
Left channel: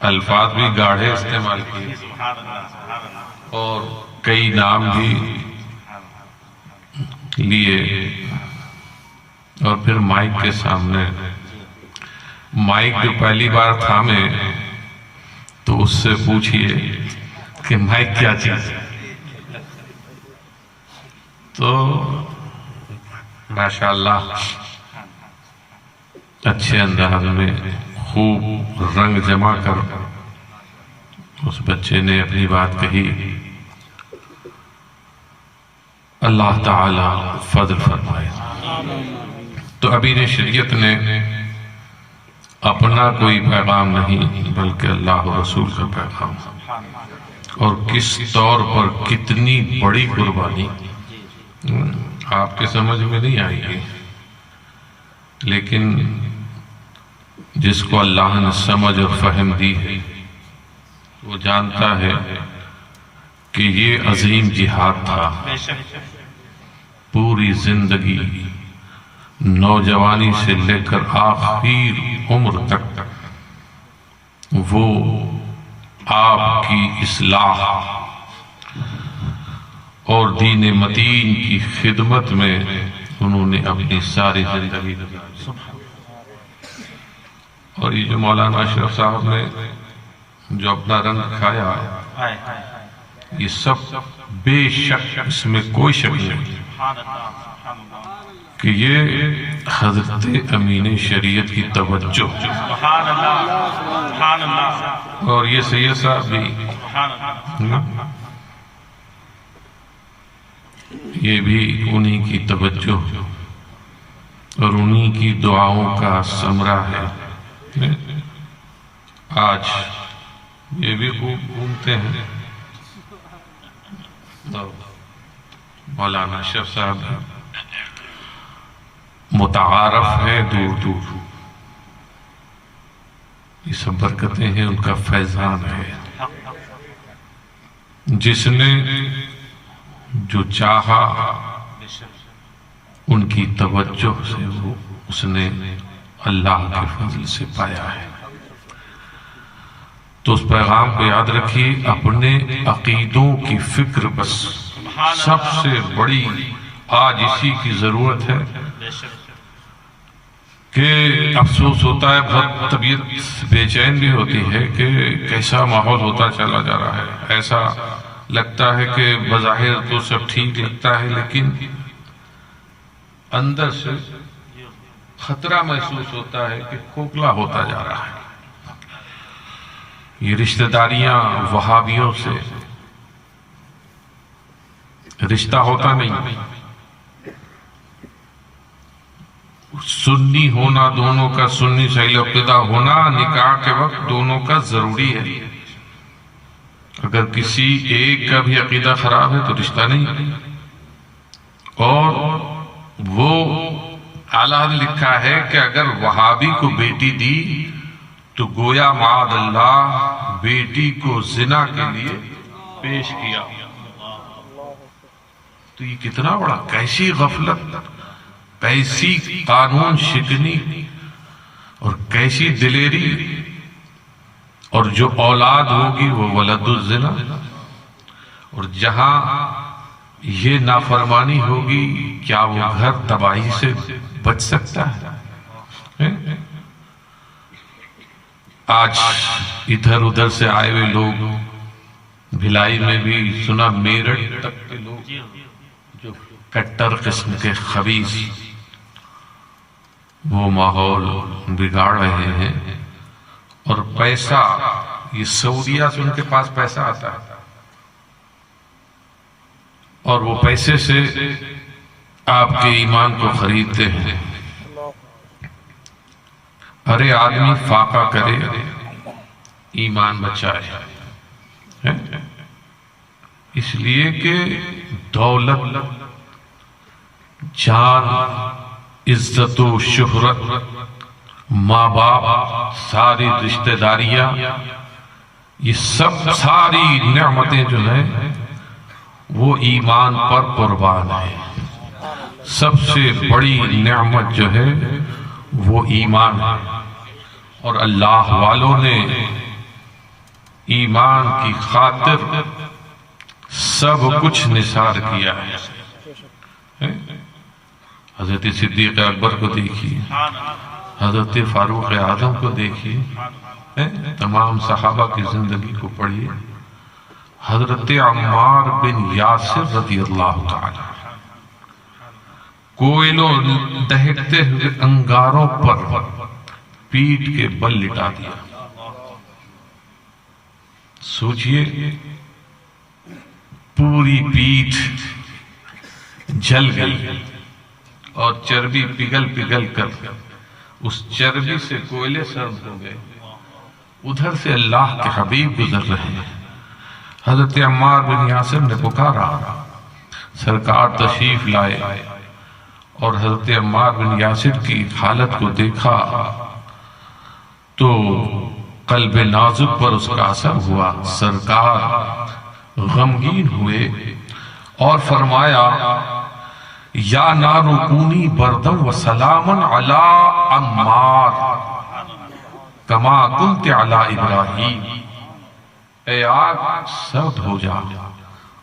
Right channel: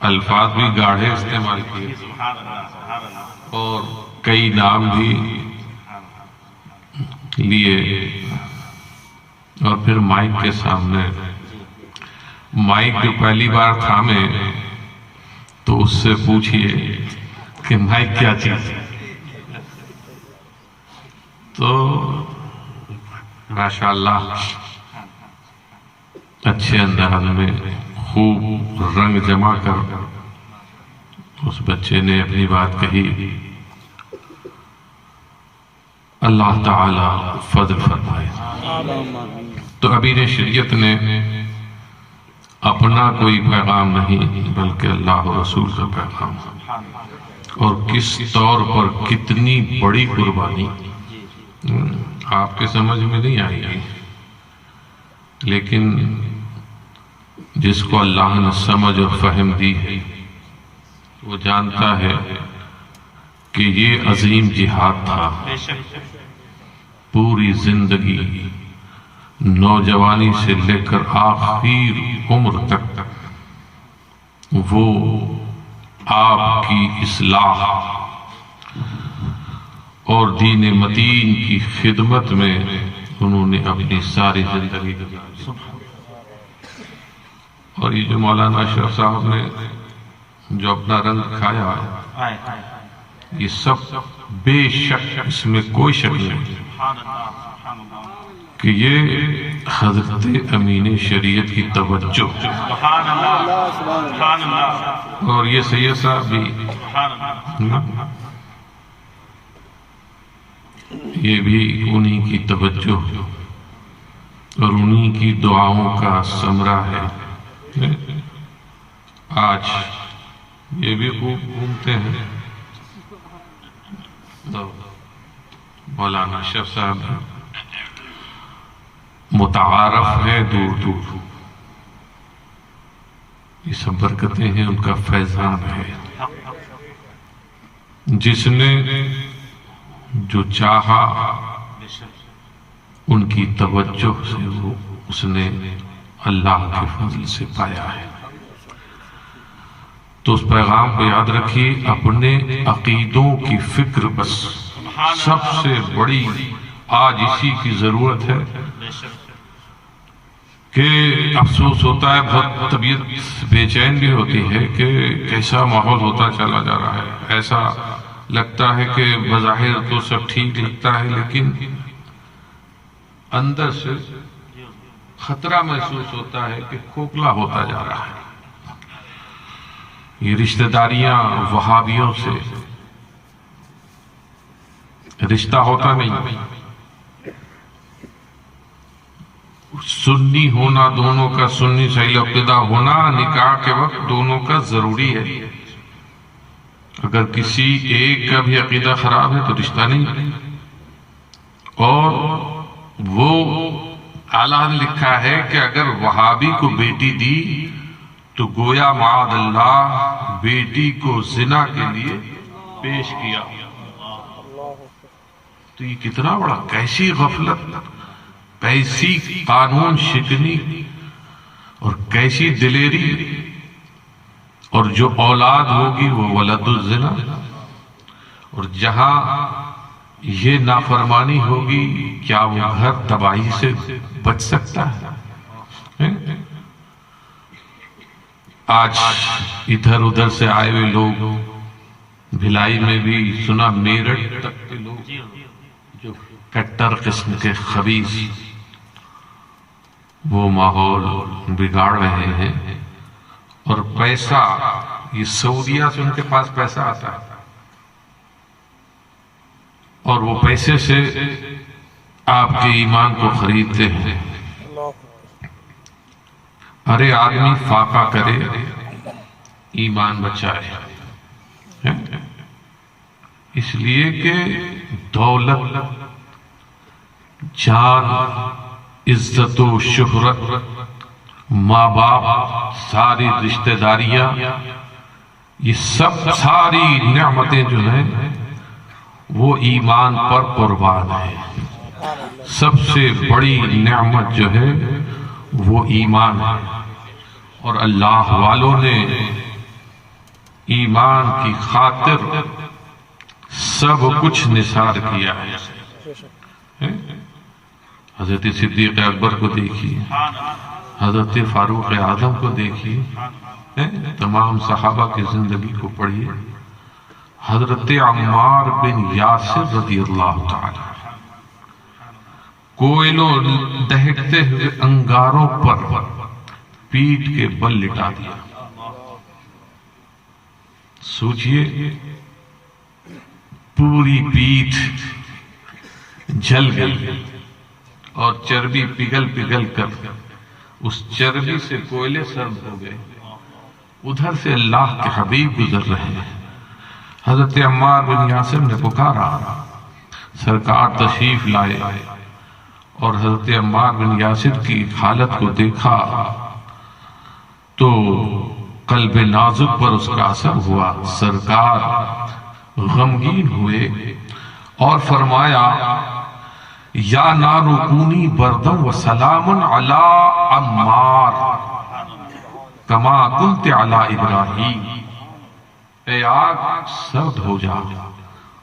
الفاظ بھی گاڑھے استعمال کیے اور کئی نام بھی لیے. اور پھر مائک کے سامنے مائک جو پہلی بار تھامے تو اس سے پوچھئے کہ مائک کیا چیز ہے. تو ماشاءاللہ اچھے انداز میں خوب رنگ جمع کر اس بچے نے اپنی بات کہی. اللہ تعالی فضل فرمائے. تو امین شریعت نے اپنا کوئی پیغام نہیں بلکہ اللہ و رسول کا پیغام، اور کس طور پر کتنی بڑی قربانی آپ کے سمجھ میں نہیں آئی گی، لیکن جس کو اللہ نے سمجھ اور فہم دی ہے وہ جانتا ہے کہ یہ عظیم جہاد تھا. پوری زندگی نوجوانی سے لے کر آخر عمر تک وہ آپ کی اصلاح اور دین متین کی خدمت میں انہوں نے اپنی ساری زندگی دی. اور یہ جو مولانا اشرف صاحب نے جو اپنا رنگ کھایا یہ سب بے شک اس میں کوئی شک نہیں کہ یہ حضرت امین شریعت کی توجہ، سبحان اللہ، سبحان اللہ، اور یہ سید صاحب بھی یہ بھی انہی کی توجہ اور انہی کی دعاؤں کا ثمرہ ہے۔ آج یہ بھی خوب گھومتے ہیں، مولانا اشرف صاحب متعارف ہے دور دور، یہ سب برکتیں ہیں، ان کا فیضان ہے۔ جس نے جو چاہا ان کی توجہ سے وہ اس نے اللہ کے فضل سے پایا ہے۔ تو اس پیغام کو یاد رکھیے، اپنے عقیدوں کی فکر بس سب سے بڑی آج اسی کی ضرورت ہے کہ افسوس ہوتا ہے، بہت طبیعت بے چین بھی ہوتی ہے کہ کیسا ماحول ہوتا چلا جا رہا ہے۔ ایسا لگتا ہے کہ بظاہر تو سب ٹھیک لگتا ہے، لیکن اندر سے خطرہ محسوس ہوتا ہے کہ کھوکھلا ہوتا جا رہا ہے۔ یہ رشتہ داریاں وہابیوں سے رشتہ ہوتا نہیں، سنی ہونا دونوں کا، سنی صحیح عقیدہ ہونا نکاح کے وقت دونوں کا ضروری ہے۔ اگر کسی ایک کا بھی عقیدہ خراب ہے تو رشتہ نہیں۔ اور وہ اعلیٰ لکھا ہے کہ اگر وہابی کو بیٹی دی تو گویا معاذ اللہ بیٹی کو زنا کے لیے پیش کیا۔ تو یہ کتنا بڑا، کیسی غفلت، کیسی قانون شکنی اور کیسی دلیری، اور جو اولاد ہوگی وہ ولد الزنا، اور جہاں یہ نافرمانی ہوگی کیا وہ گھر تباہی سے بچ سکتا ہے؟ آج ادھر ادھر سے آئے ہوئے لوگ، بھلائی میں بھی سنا، میرٹھ تک کے لوگ جو کٹر قسم کے خبیث وہ ماحول بگاڑ رہے ہیں، اور پیسہ، یہ سعودیہ سے ان کے پاس پیسہ آتا ہے، اور وہ پیسے سے آپ کے ایمان کو خریدتے ہیں۔ ارے آدمی فاقہ کرے ایمان بچائے، اس لیے کہ دولت، جان، عزت و شہرت، ماں باپ، ساری رشتہ داریاں، یہ سب ساری نعمتیں جو ہیں وہ ایمان پر قربان ہے۔ سب سے بڑی نعمت جو ہے وہ ایمان ہے، اور اللہ والوں نے ایمان کی خاطر سب کچھ نثار کیا ہے۔ حضرت صدیق اکبر کو دیکھیے، حضرت فاروق اعظم کو دیکھیے، تمام صحابہ کی زندگی کو پڑھیے، حضرت عمار بن یاسر رضی اللہ تعالی، کوئلوں دہکتے ہوئے انگاروں پر پیٹ کے بل لٹا دیا۔ سوچئے پوری پیٹ جل گئی اور چربی پگھل پگھل کر اس چربی سے کوئلے سرد ہو گئے۔ ادھر سے اللہ کے حبیب گزر رہے ہیں، حضرت عمار بن یاسر نے پکارا، سرکار تشریف لائے، اور حضرت عمار بن یاسر کی حالت کو دیکھا تو قلب نازک پر اس کا اثر ہوا۔ سرکار غمگین ہوئے اور فرمایا، یا نار کونی بردم و سلام علی عمار کما کنت علی ابراہیم، اے آگ سرد ہو جا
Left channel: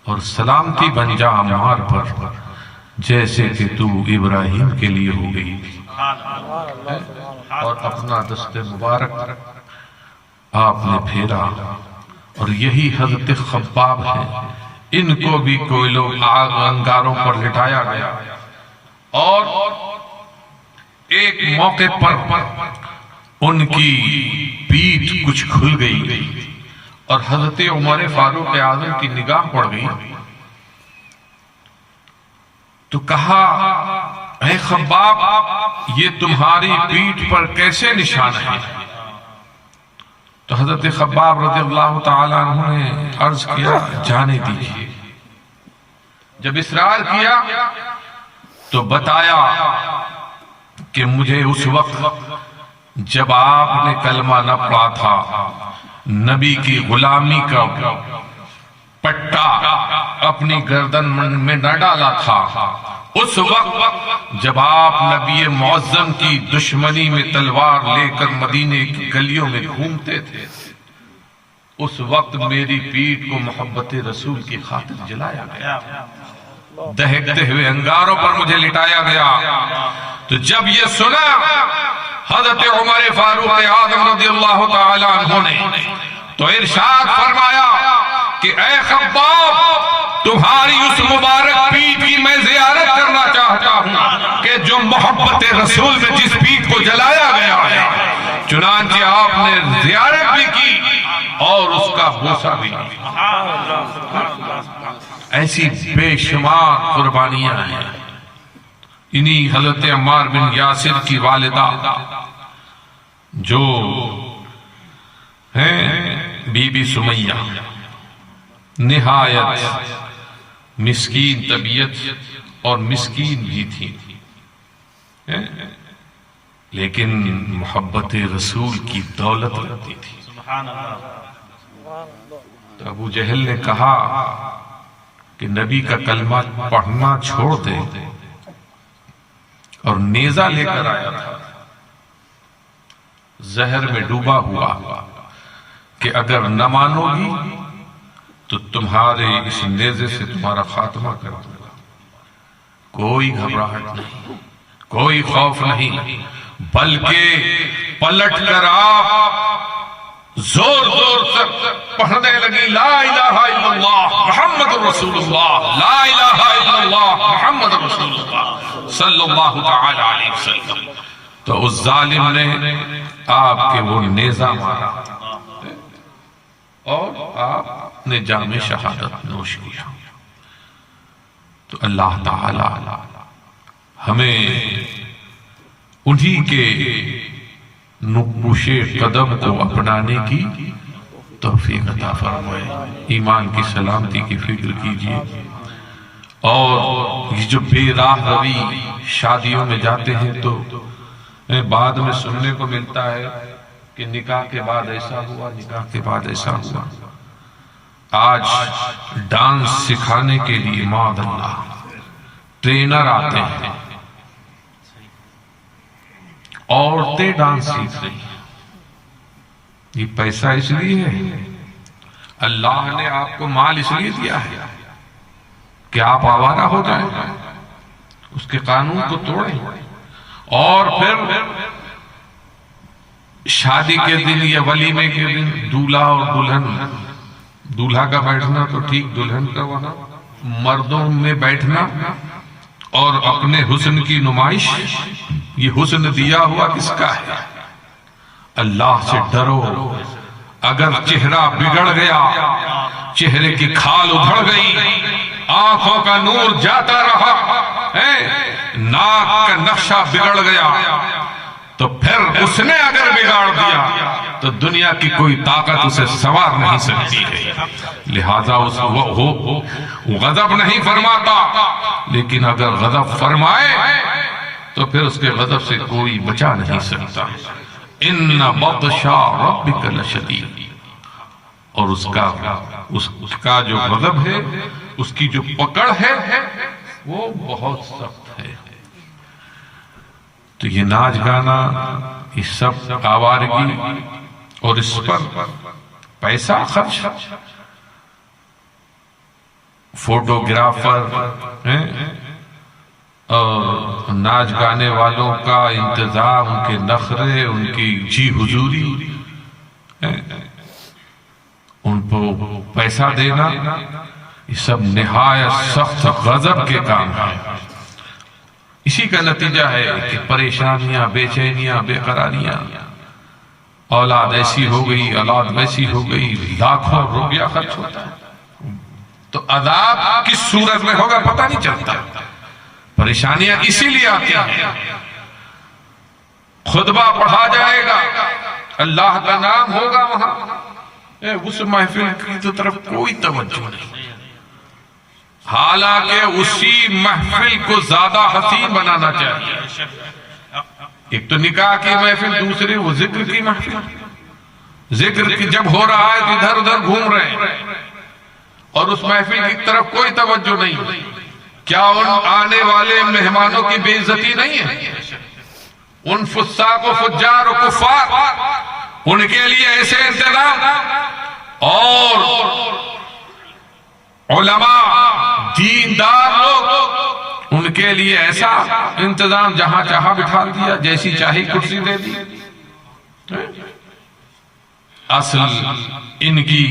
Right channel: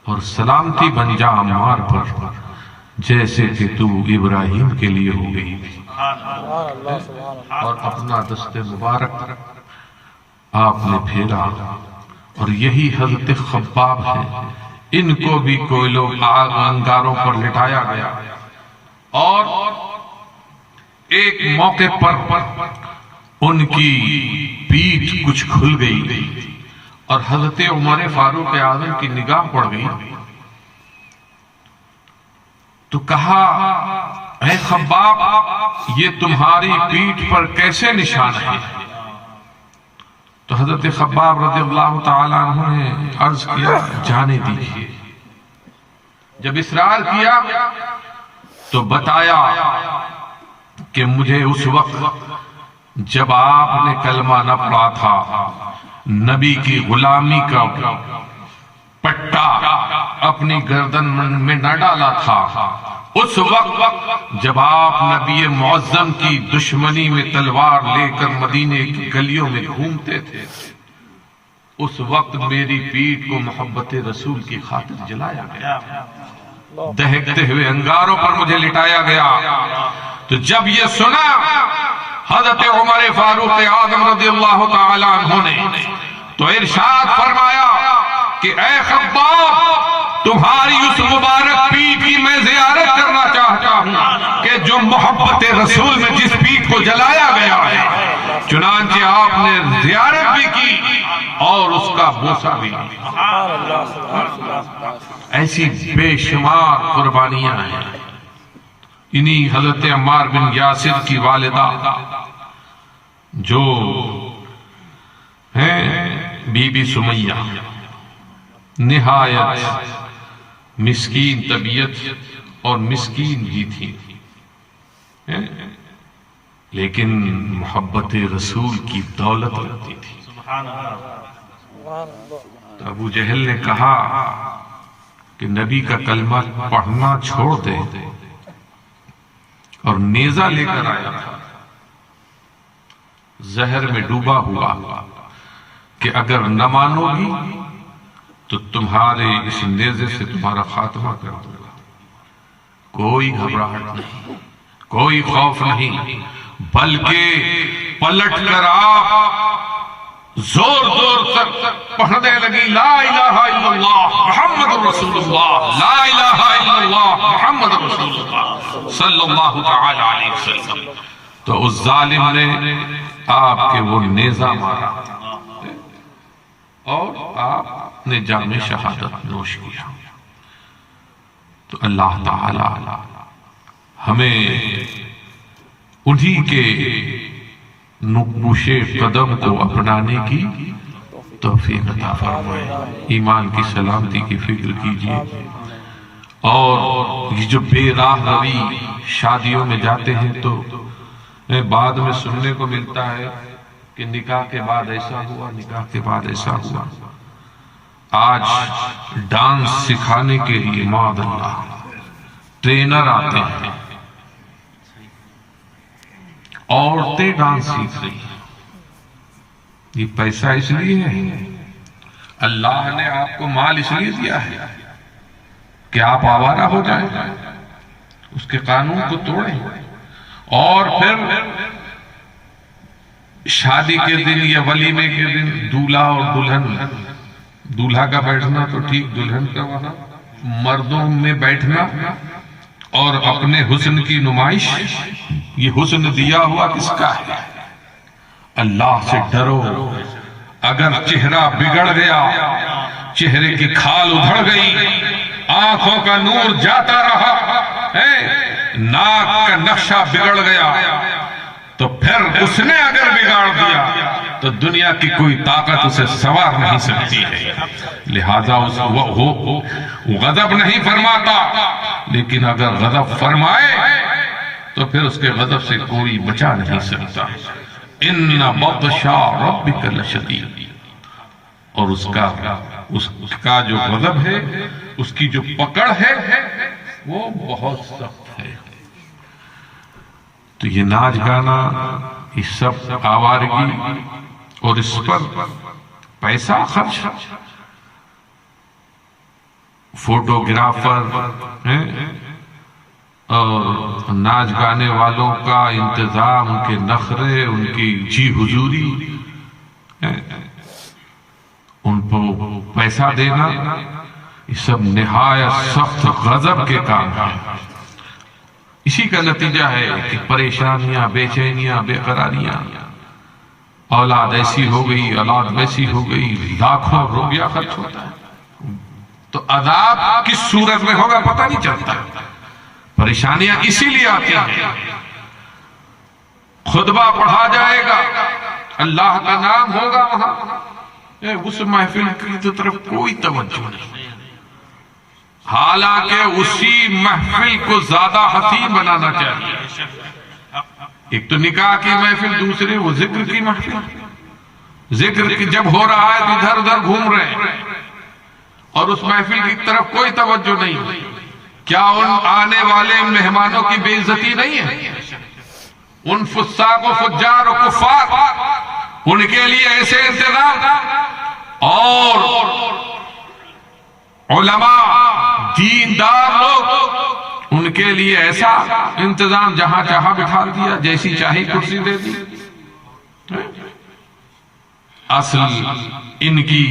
اور سلامتی بن جا عمار پر، جیسے کہ تو ابراہیم کے لیے ہو گئی تھی۔ اور اپنا دست مبارک آپ نے پھیرا، اور یہی حضرت خباب ہے، ان کو بھی کوئلوں آگ انگاروں پر لٹایا گیا، اور ایک موقع پر ان کی پیٹھ کچھ کھل گئی اور حضرت عمر فاروق اعظم کی نگاہ پڑ گئی تو کہا اے خباب یہ تمہاری پیٹھ پر کیسے نشان ہے؟ تو حضرت خباب رضی اللہ تعالیٰ عنہ نے عرض کیا جانے دیجیے۔ جب اصرار کیا تو بتایا کہ مجھے اس وقت جب آپ نے کلمہ نہ پڑھا تھا، نبی کی غلامی کا پٹا اپنی گردن میں نہ ڈالا تھا، اس وقت جب آپ نبی معظم کی دشمنی میں تلوار لے کر مدینے کی گلیوں میں گھومتے تھے، اس وقت میری پیٹھ کو محبت رسول کی خاطر جلایا گیا، دہکتے ہوئے انگاروں پر مجھے لٹایا گیا۔ تو جب یہ سنا حضرت عمر فاروق اعظم رضی اللہ تعالیٰ عنہ نے تو ارشاد فرمایا کہ اے خباب تمہاری اس مبارک پیٹھ کی میں زیارت کرنا چاہتا ہوں کہ جو محبت رسول میں جس پیٹھ کو جلایا گیا ہے۔ چنانچہ آپ نے زیارت بھی کی اور اس کا بوسہ بھی کیا۔ ایسی بے شمار قربانیاں ہیں۔ انہی حضرت عمار بن یاسر کی والدہ جو ہیں بی بی سمیہ، نہایت مسکین طبیعت اور مسکین بھی تھی، لیکن محبت رسول کی دولت رکھتی تھی۔ تو ابو جہل نے کہا کہ نبی کا کلمہ پڑھنا چھوڑ دے، اور نیزہ لے کر آیا تھا زہر میں ڈوبا ہوا کہ اگر نہ مانو گی تو تمہارے اس نیزے سے تمہارا خاتمہ کر دوں گا۔ کوئی گھبراہٹ نہیں، کوئی خوف نہیں، بلکہ پلٹ کر آپ زور زور سے پڑھنے لگی لا الہ الا اللہ محمد رسول اللہ، لا الہ الا اللہ محمد رسول اللہ صلی اللہ تعالی علیہ وسلم۔ تو اس ظالم نے آپ کے وہ نیزہ مارا اور آپ نے جام شہادت نوش کیا۔ تو اللہ تعالی ہمیں انہی کے نقوش قدم کو اپنانے کی توفیق عطا فرمائے۔ ایمان کی سلامتی کی فکر کیجئے، اور یہ جو بے راہ روی شادیوں میں جاتے ہیں تو بعد میں سننے کو ملتا ہے کہ نکاح کے بعد ایسا ہوا، نکاح کے بعد ایسا ہوا۔ آج ڈانس سکھانے کے لیے معاذ اللہ ٹرینر آتے ہیں، عورتیں ڈانس سیکھ رہی ہیں۔ یہ پیسہ اس لیے ہے، اللہ نے آپ کو مال اس لیے دیا ہے کہ آپ آوارہ ہو جائیں، اس کے قانون کو توڑیں، اور پھر شادی کے دن یا ولیمے کے دن دولہا اور دلہن، دولہا کا بیٹھنا تو ٹھیک، دلہن کا وہاں مردوں میں بیٹھنا اور اپنے حسن کی نمائش۔ یہ حسن دیا ہوا کس کا ہے؟ اللہ سے ڈرو۔ اگر چہرہ بگڑ گیا، چہرے کی کھال ادھڑ گئی، آنکھوں کا نور جاتا رہا، ناک کا نقشہ بگڑ گیا، تو پھر اس نے اگر بگاڑ دیا تو دنیا کی کوئی طاقت اسے سوار نہیں سکتی ہے۔ لہذا وہ غضب نہیں فرماتا، لیکن اگر غضب فرمائے تو پھر اس کے غضب سے کوئی بچا نہیں سکتا۔ ان بطش ربک لشدید، اور اس کا جو غضب ہے، اس کی جو پکڑ ہے وہ بہت سخت ہے۔ تو یہ ناچ گانا، یہ سب آوارگی، اور اس پر پیسہ خرچ، فوٹوگرافر اور ناچ گانے والوں کا انتظام، ان کے نخرے، ان کی جی حضوری، ان کو پیسہ دینا، یہ سب نہایت سخت غضب کے کام ہیں۔ اسی کا نتیجہ ہے کہ پریشانیاں، بے چینیاں، بے قراریاں، اولاد ایسی ہو گئی، اولاد ویسی ہو گئی، لاکھوں روپیہ خرچ ہوتا ہے، تو عذاب کس صورت میں ہوگا پتہ نہیں چلتا۔ پریشانیاں اسی لیے آتی ہیں، خطبہ پڑھا جائے گا، اللہ کا نام ہوگا وہاں، اس محفل کی طرف کوئی توجہ نہیں، حالانکہ اسی محفل کو زیادہ حسین بنانا چاہیے۔ ایک تو نکاح کی محفل، دوسری وہ ذکر کی محفل، ذکر کی جب ہو رہا ہے تو ادھر ادھر گھوم رہے ہیں اور اس محفل کی طرف کوئی توجہ نہیں۔ کیا ان آنے والے مہمانوں کی بے عزتی نہیں ہے؟ ان فساق و فجار و کفار، ان کے لیے ایسے انتظام، اور علماء دیندار لوگ ان کے لیے ایسا انتظام، جہاں چاہا بٹھا دیا، جیسی چاہی کرسی دے دی۔ اصل ان کی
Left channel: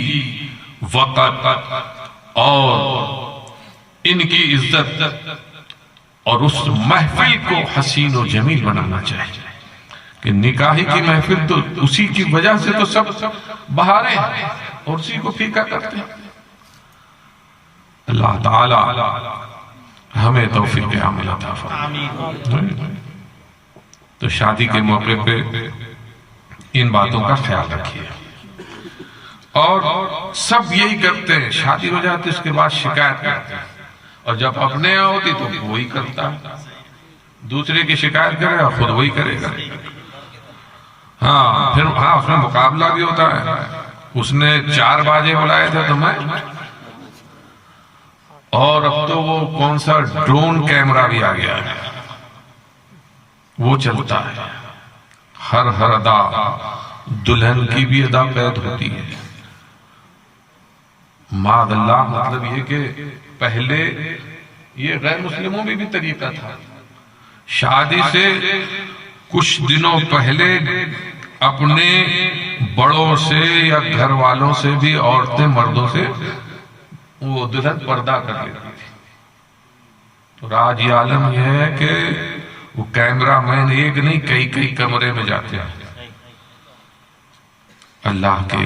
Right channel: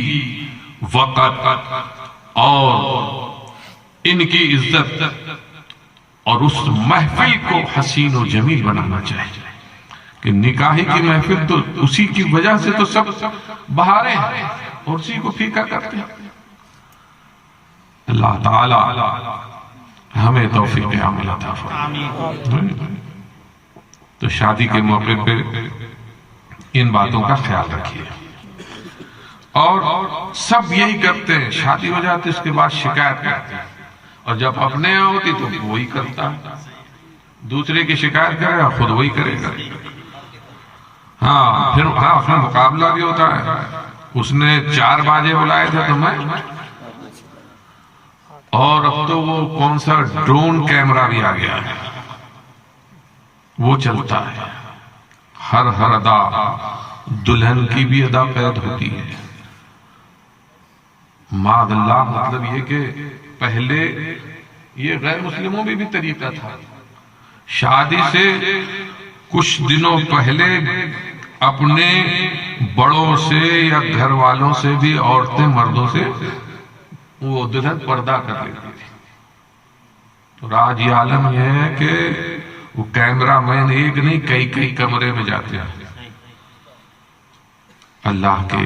وقت اور ان کی عزت اور اس محفل کو حسین و جمیل بنانا چاہیے کہ نکاحی کی محفل تو اسی کی وجہ سے تو سب بہارے ہیں اور اسی کو پھیکا کرتے ہیں۔ اللہ تعالی ہمیں توفیق عمل عطا فرمائے۔ تو شادی کے موقع پہ ان باتوں کا خیال رکھیے، اور سب یہی کرتے ہیں، شادی ہو جاتی اس کے بعد شکایت کرتے ہیں، اور جب اپنے یہاں ہوتی تو وہی کرتا، دوسرے کی شکایت کرے اور خود وہی کرے گا۔ ہاں پھر اس میں مقابلہ بھی ہوتا ہے، اس نے 4 باجے بلائے تھے تو میں، اور اب تو وہ کون سا ڈرون کیمرہ بھی آ گیا ہے، وہ چلتا ہے، ہر ادا دلہن کی بھی ادا قید ہوتی ہے۔ معاذ اللہ، مطلب یہ کہ پہلے یہ غیر مسلموں میں بھی طریقہ تھا، شادی سے کچھ دنوں پہلے اپنے بڑوں سے یا گھر والوں سے بھی عورتیں مردوں سے وہ دلہن پردہ کر لیتی تھی۔ اور آج یہ عالم یہ ہے کہ وہ کیمرہ مین ایک نہیں کئی کمرے میں جاتے ہیں۔ اللہ کے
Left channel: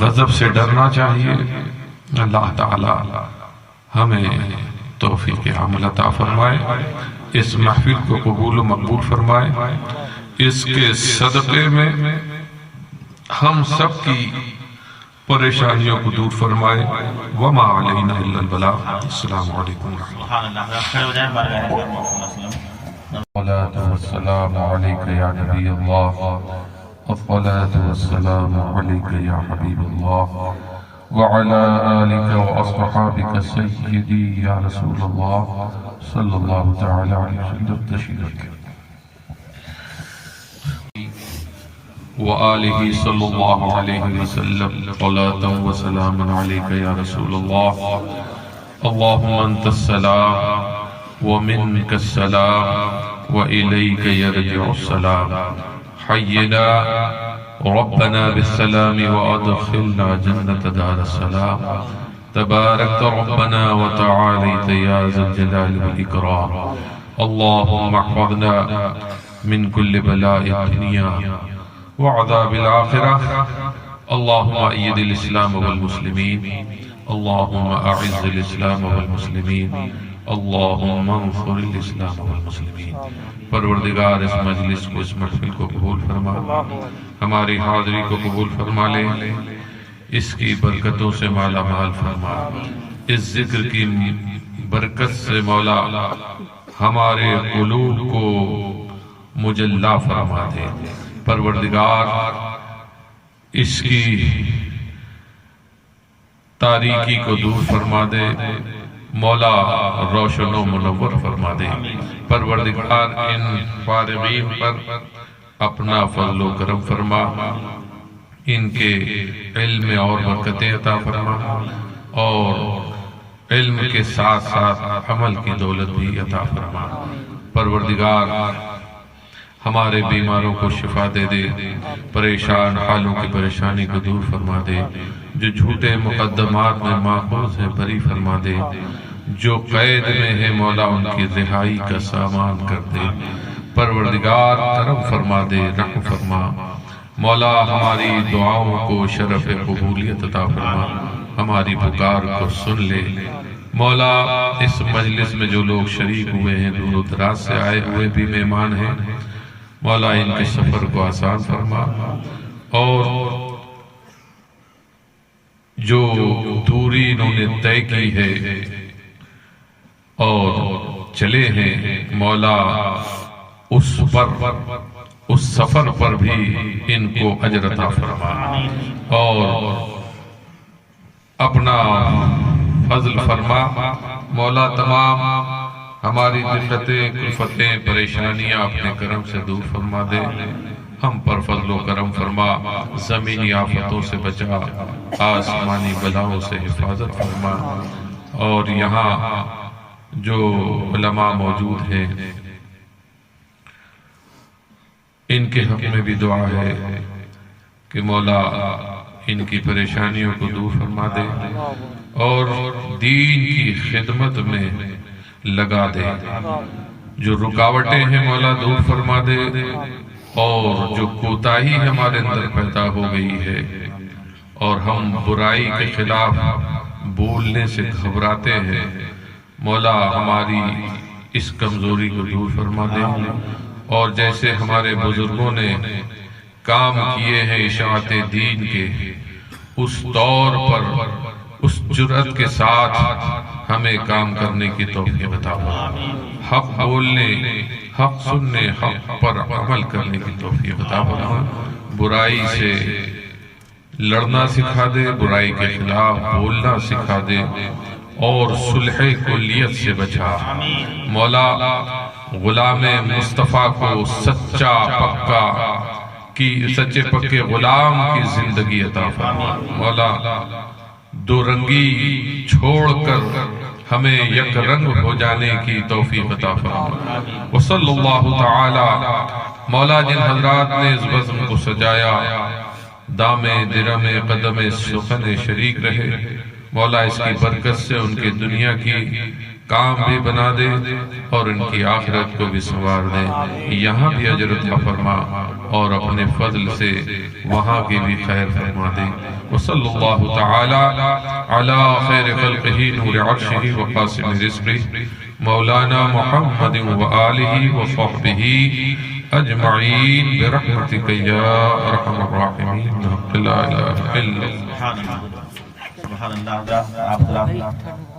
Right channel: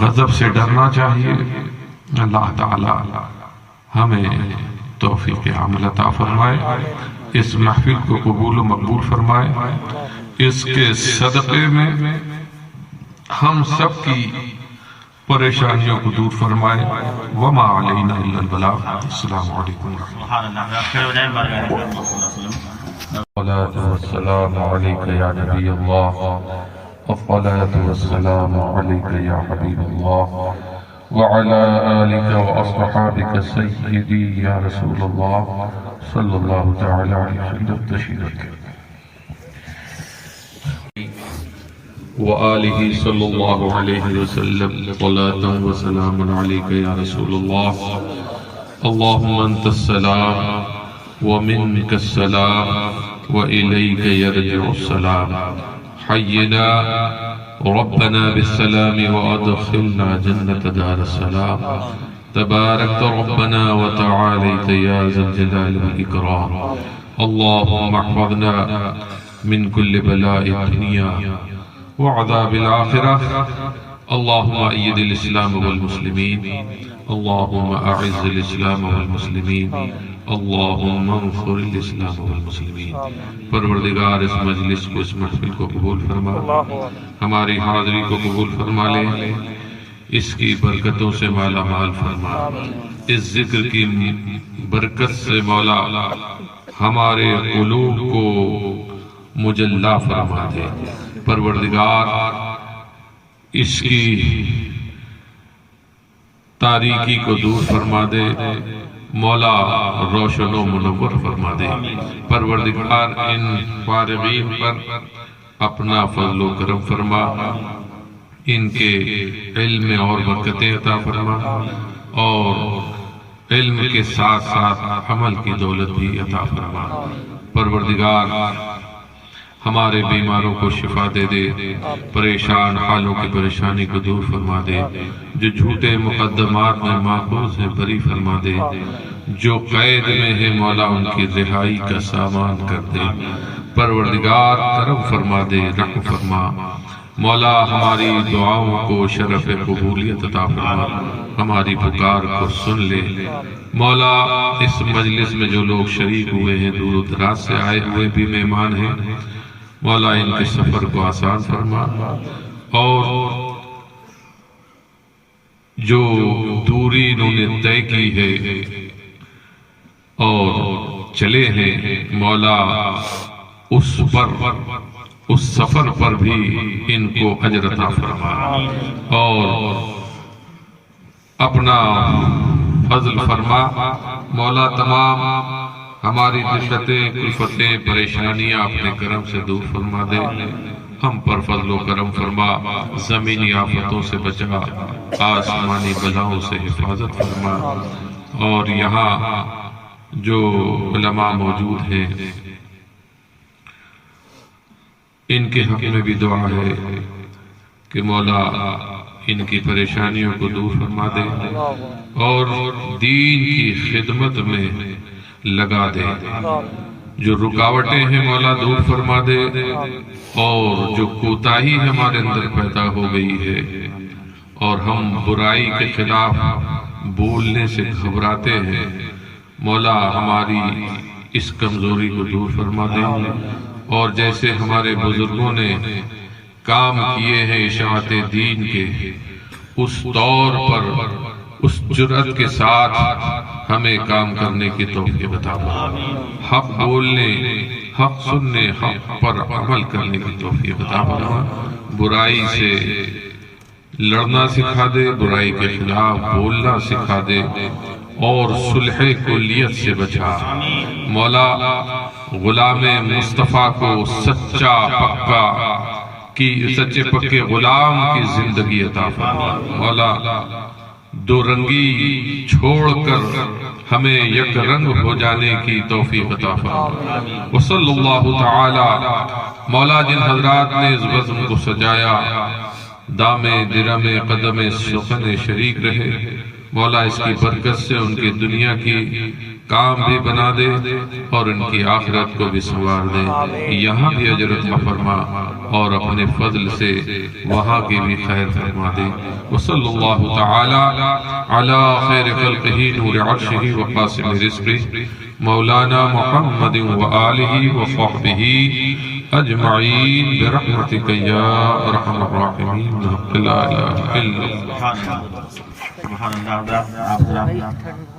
غضب سے ڈرنا چاہیے۔ اللہ تعالی ہمیں توفیق عمل عطا فرمائے، اس محفل کو قبول و مقبول فرمائے، اس کے صدقے میں ہم سب کی پریشانیوں کو دور فرمائے۔ وما علینا الا البلاغ۔ السلام علیکم الصلاة والسلام علیک یا نبی اللہ، الصلاة والسلام علیک یا حبیب اللہ، وعلى آلك وأصحابك سيدي يا رسول الله صلى الله تعالى عليه وسلم تشريفا، وآله صلى الله عليه وسلم صلاة وسلاما عليك يا رسول الله۔ اللهم أنت السلام ومنك السلام وإليك يرجع السلام، حينا ربنا بالسلام وأدخلنا جنة دار السلام، تباركت ربنا وتعاليت يا ذا الجلال والإكرام۔ اللهم احفظنا من كل بلاء الدنيا وعذاب الآخرة، اللهم أيد الإسلام والمسلمين، اللهم أعز الإسلام والمسلمين، اللهم انصر الإسلام والمسلمين۔ پروردگار اس مجلس کو، اس محفل کو قبول فرما، ہماری حاضری کو قبول فرما لے، اس کی برکتوں سے مالا مال فرما، اس ذکر کی برکت سے مولا ہمارے قلوب کو مجلا فرما دے۔ پروردگار اس کی تاریکی کو دور فرما دے، مولا روشن و منور فرما دے۔ پروردگار ان فارغین پر اپنا فضل و کرم فرما، ان کے علم اور برکتیں عطا فرما، اور علم کے ساتھ ساتھ عمل کی دولت بھی عطا فرما۔ پروردگار ہمارے بیماروں کو شفا دے دے، پریشان حالوں کی پریشانی کو دور فرما دے، جو جھوٹے مقدمات میں ماخوذ ہیں بری فرما دے، جو قید میں ہے مولا ان کی رہائی کا سامان کر دے، پروردگار کرم فرما دے، رحم فرما مولا، ہماری دعاؤں کو شرف قبولیت عطا فرما، ہماری پکار کو سن لے مولا۔ اس مجلس میں جو لوگ شریک ہوئے ہیں، دور و دراز سے آئے ہوئے بھی مہمان ہیں مولا، ان کے سفر کو آسان فرما، اور جو دوری انہوں نے طے کی ہے اور چلے ہیں مولا، اس سفر پر بھی ان کو اجر عطا فرما، اور اپنا فضل فرما مولا۔ تمام ہماری دقتیں، کلفتیں، پریشانیاں اپنے کرم سے دور فرما دے، ہم پر فضل و کرم فرما، زمینی آفتوں سے بچا، آسمانی بلاؤں سے حفاظت فرما، اور یہاں جو علماء موجود ہیں ان کے حق میں بھی دعا ہے کہ مولا ان کی پریشانیوں کو دور فرما دے اور دین کی خدمت میں لگا دے، جو رکاوٹیں ہیں مولا دور فرما دے، اور جو کوتاہی ہمارے اندر پیدا ہو گئی ہے اور ہم برائی کے خلاف بولنے سے گھبراتے ہیں مولا، ہماری اس کمزوری کو دور فرما دے، اور جیسے ہمارے بزرگوں نے کام کیے ہیں اشاعت دین کے، اس طور پر اس جرأت کے ساتھ ہمیں کام کرنے کی توفیق عطا فرما، حق بولنے، حق سننے، حق پر عمل کرنے کی توفیق عطا فرما، برائی سے لڑنا سکھا دے، برائی کے خلاف بولنا سکھا دے، اور صلح کلیت سے بچا مولا۔ غلام مصطفیٰ کو سچے پکے غلام کی زندگی عطا فرما مولا، دو رنگی چھوڑ کر ہمیں یک رنگ ہو جانے کی توفیق عطا فرما۔ وصلی اللہ تعالی مولا، جن حضرات نے اس بزم کو سجایا، دامے درمے قدم سخن شریک رہے مولا، اس کی برکت سے ان کی دنیا کی کام بھی بنا دے اور ان کی آخرت کو بھی سنوار دے، یہاں بھی اجر عطا فرما اور اپنے فضل سے وہاں کی بھی خیر فرما دے۔ وصلی اللہ تعالی علی خیر خلقہ نور عرشہ وقاسم رزقہ مولانا محمد وآلہ وصحبہ اجمعین برحمتک یا ارحم الراحمین لا الہ الا اللہ۔ سبحان اللہ۔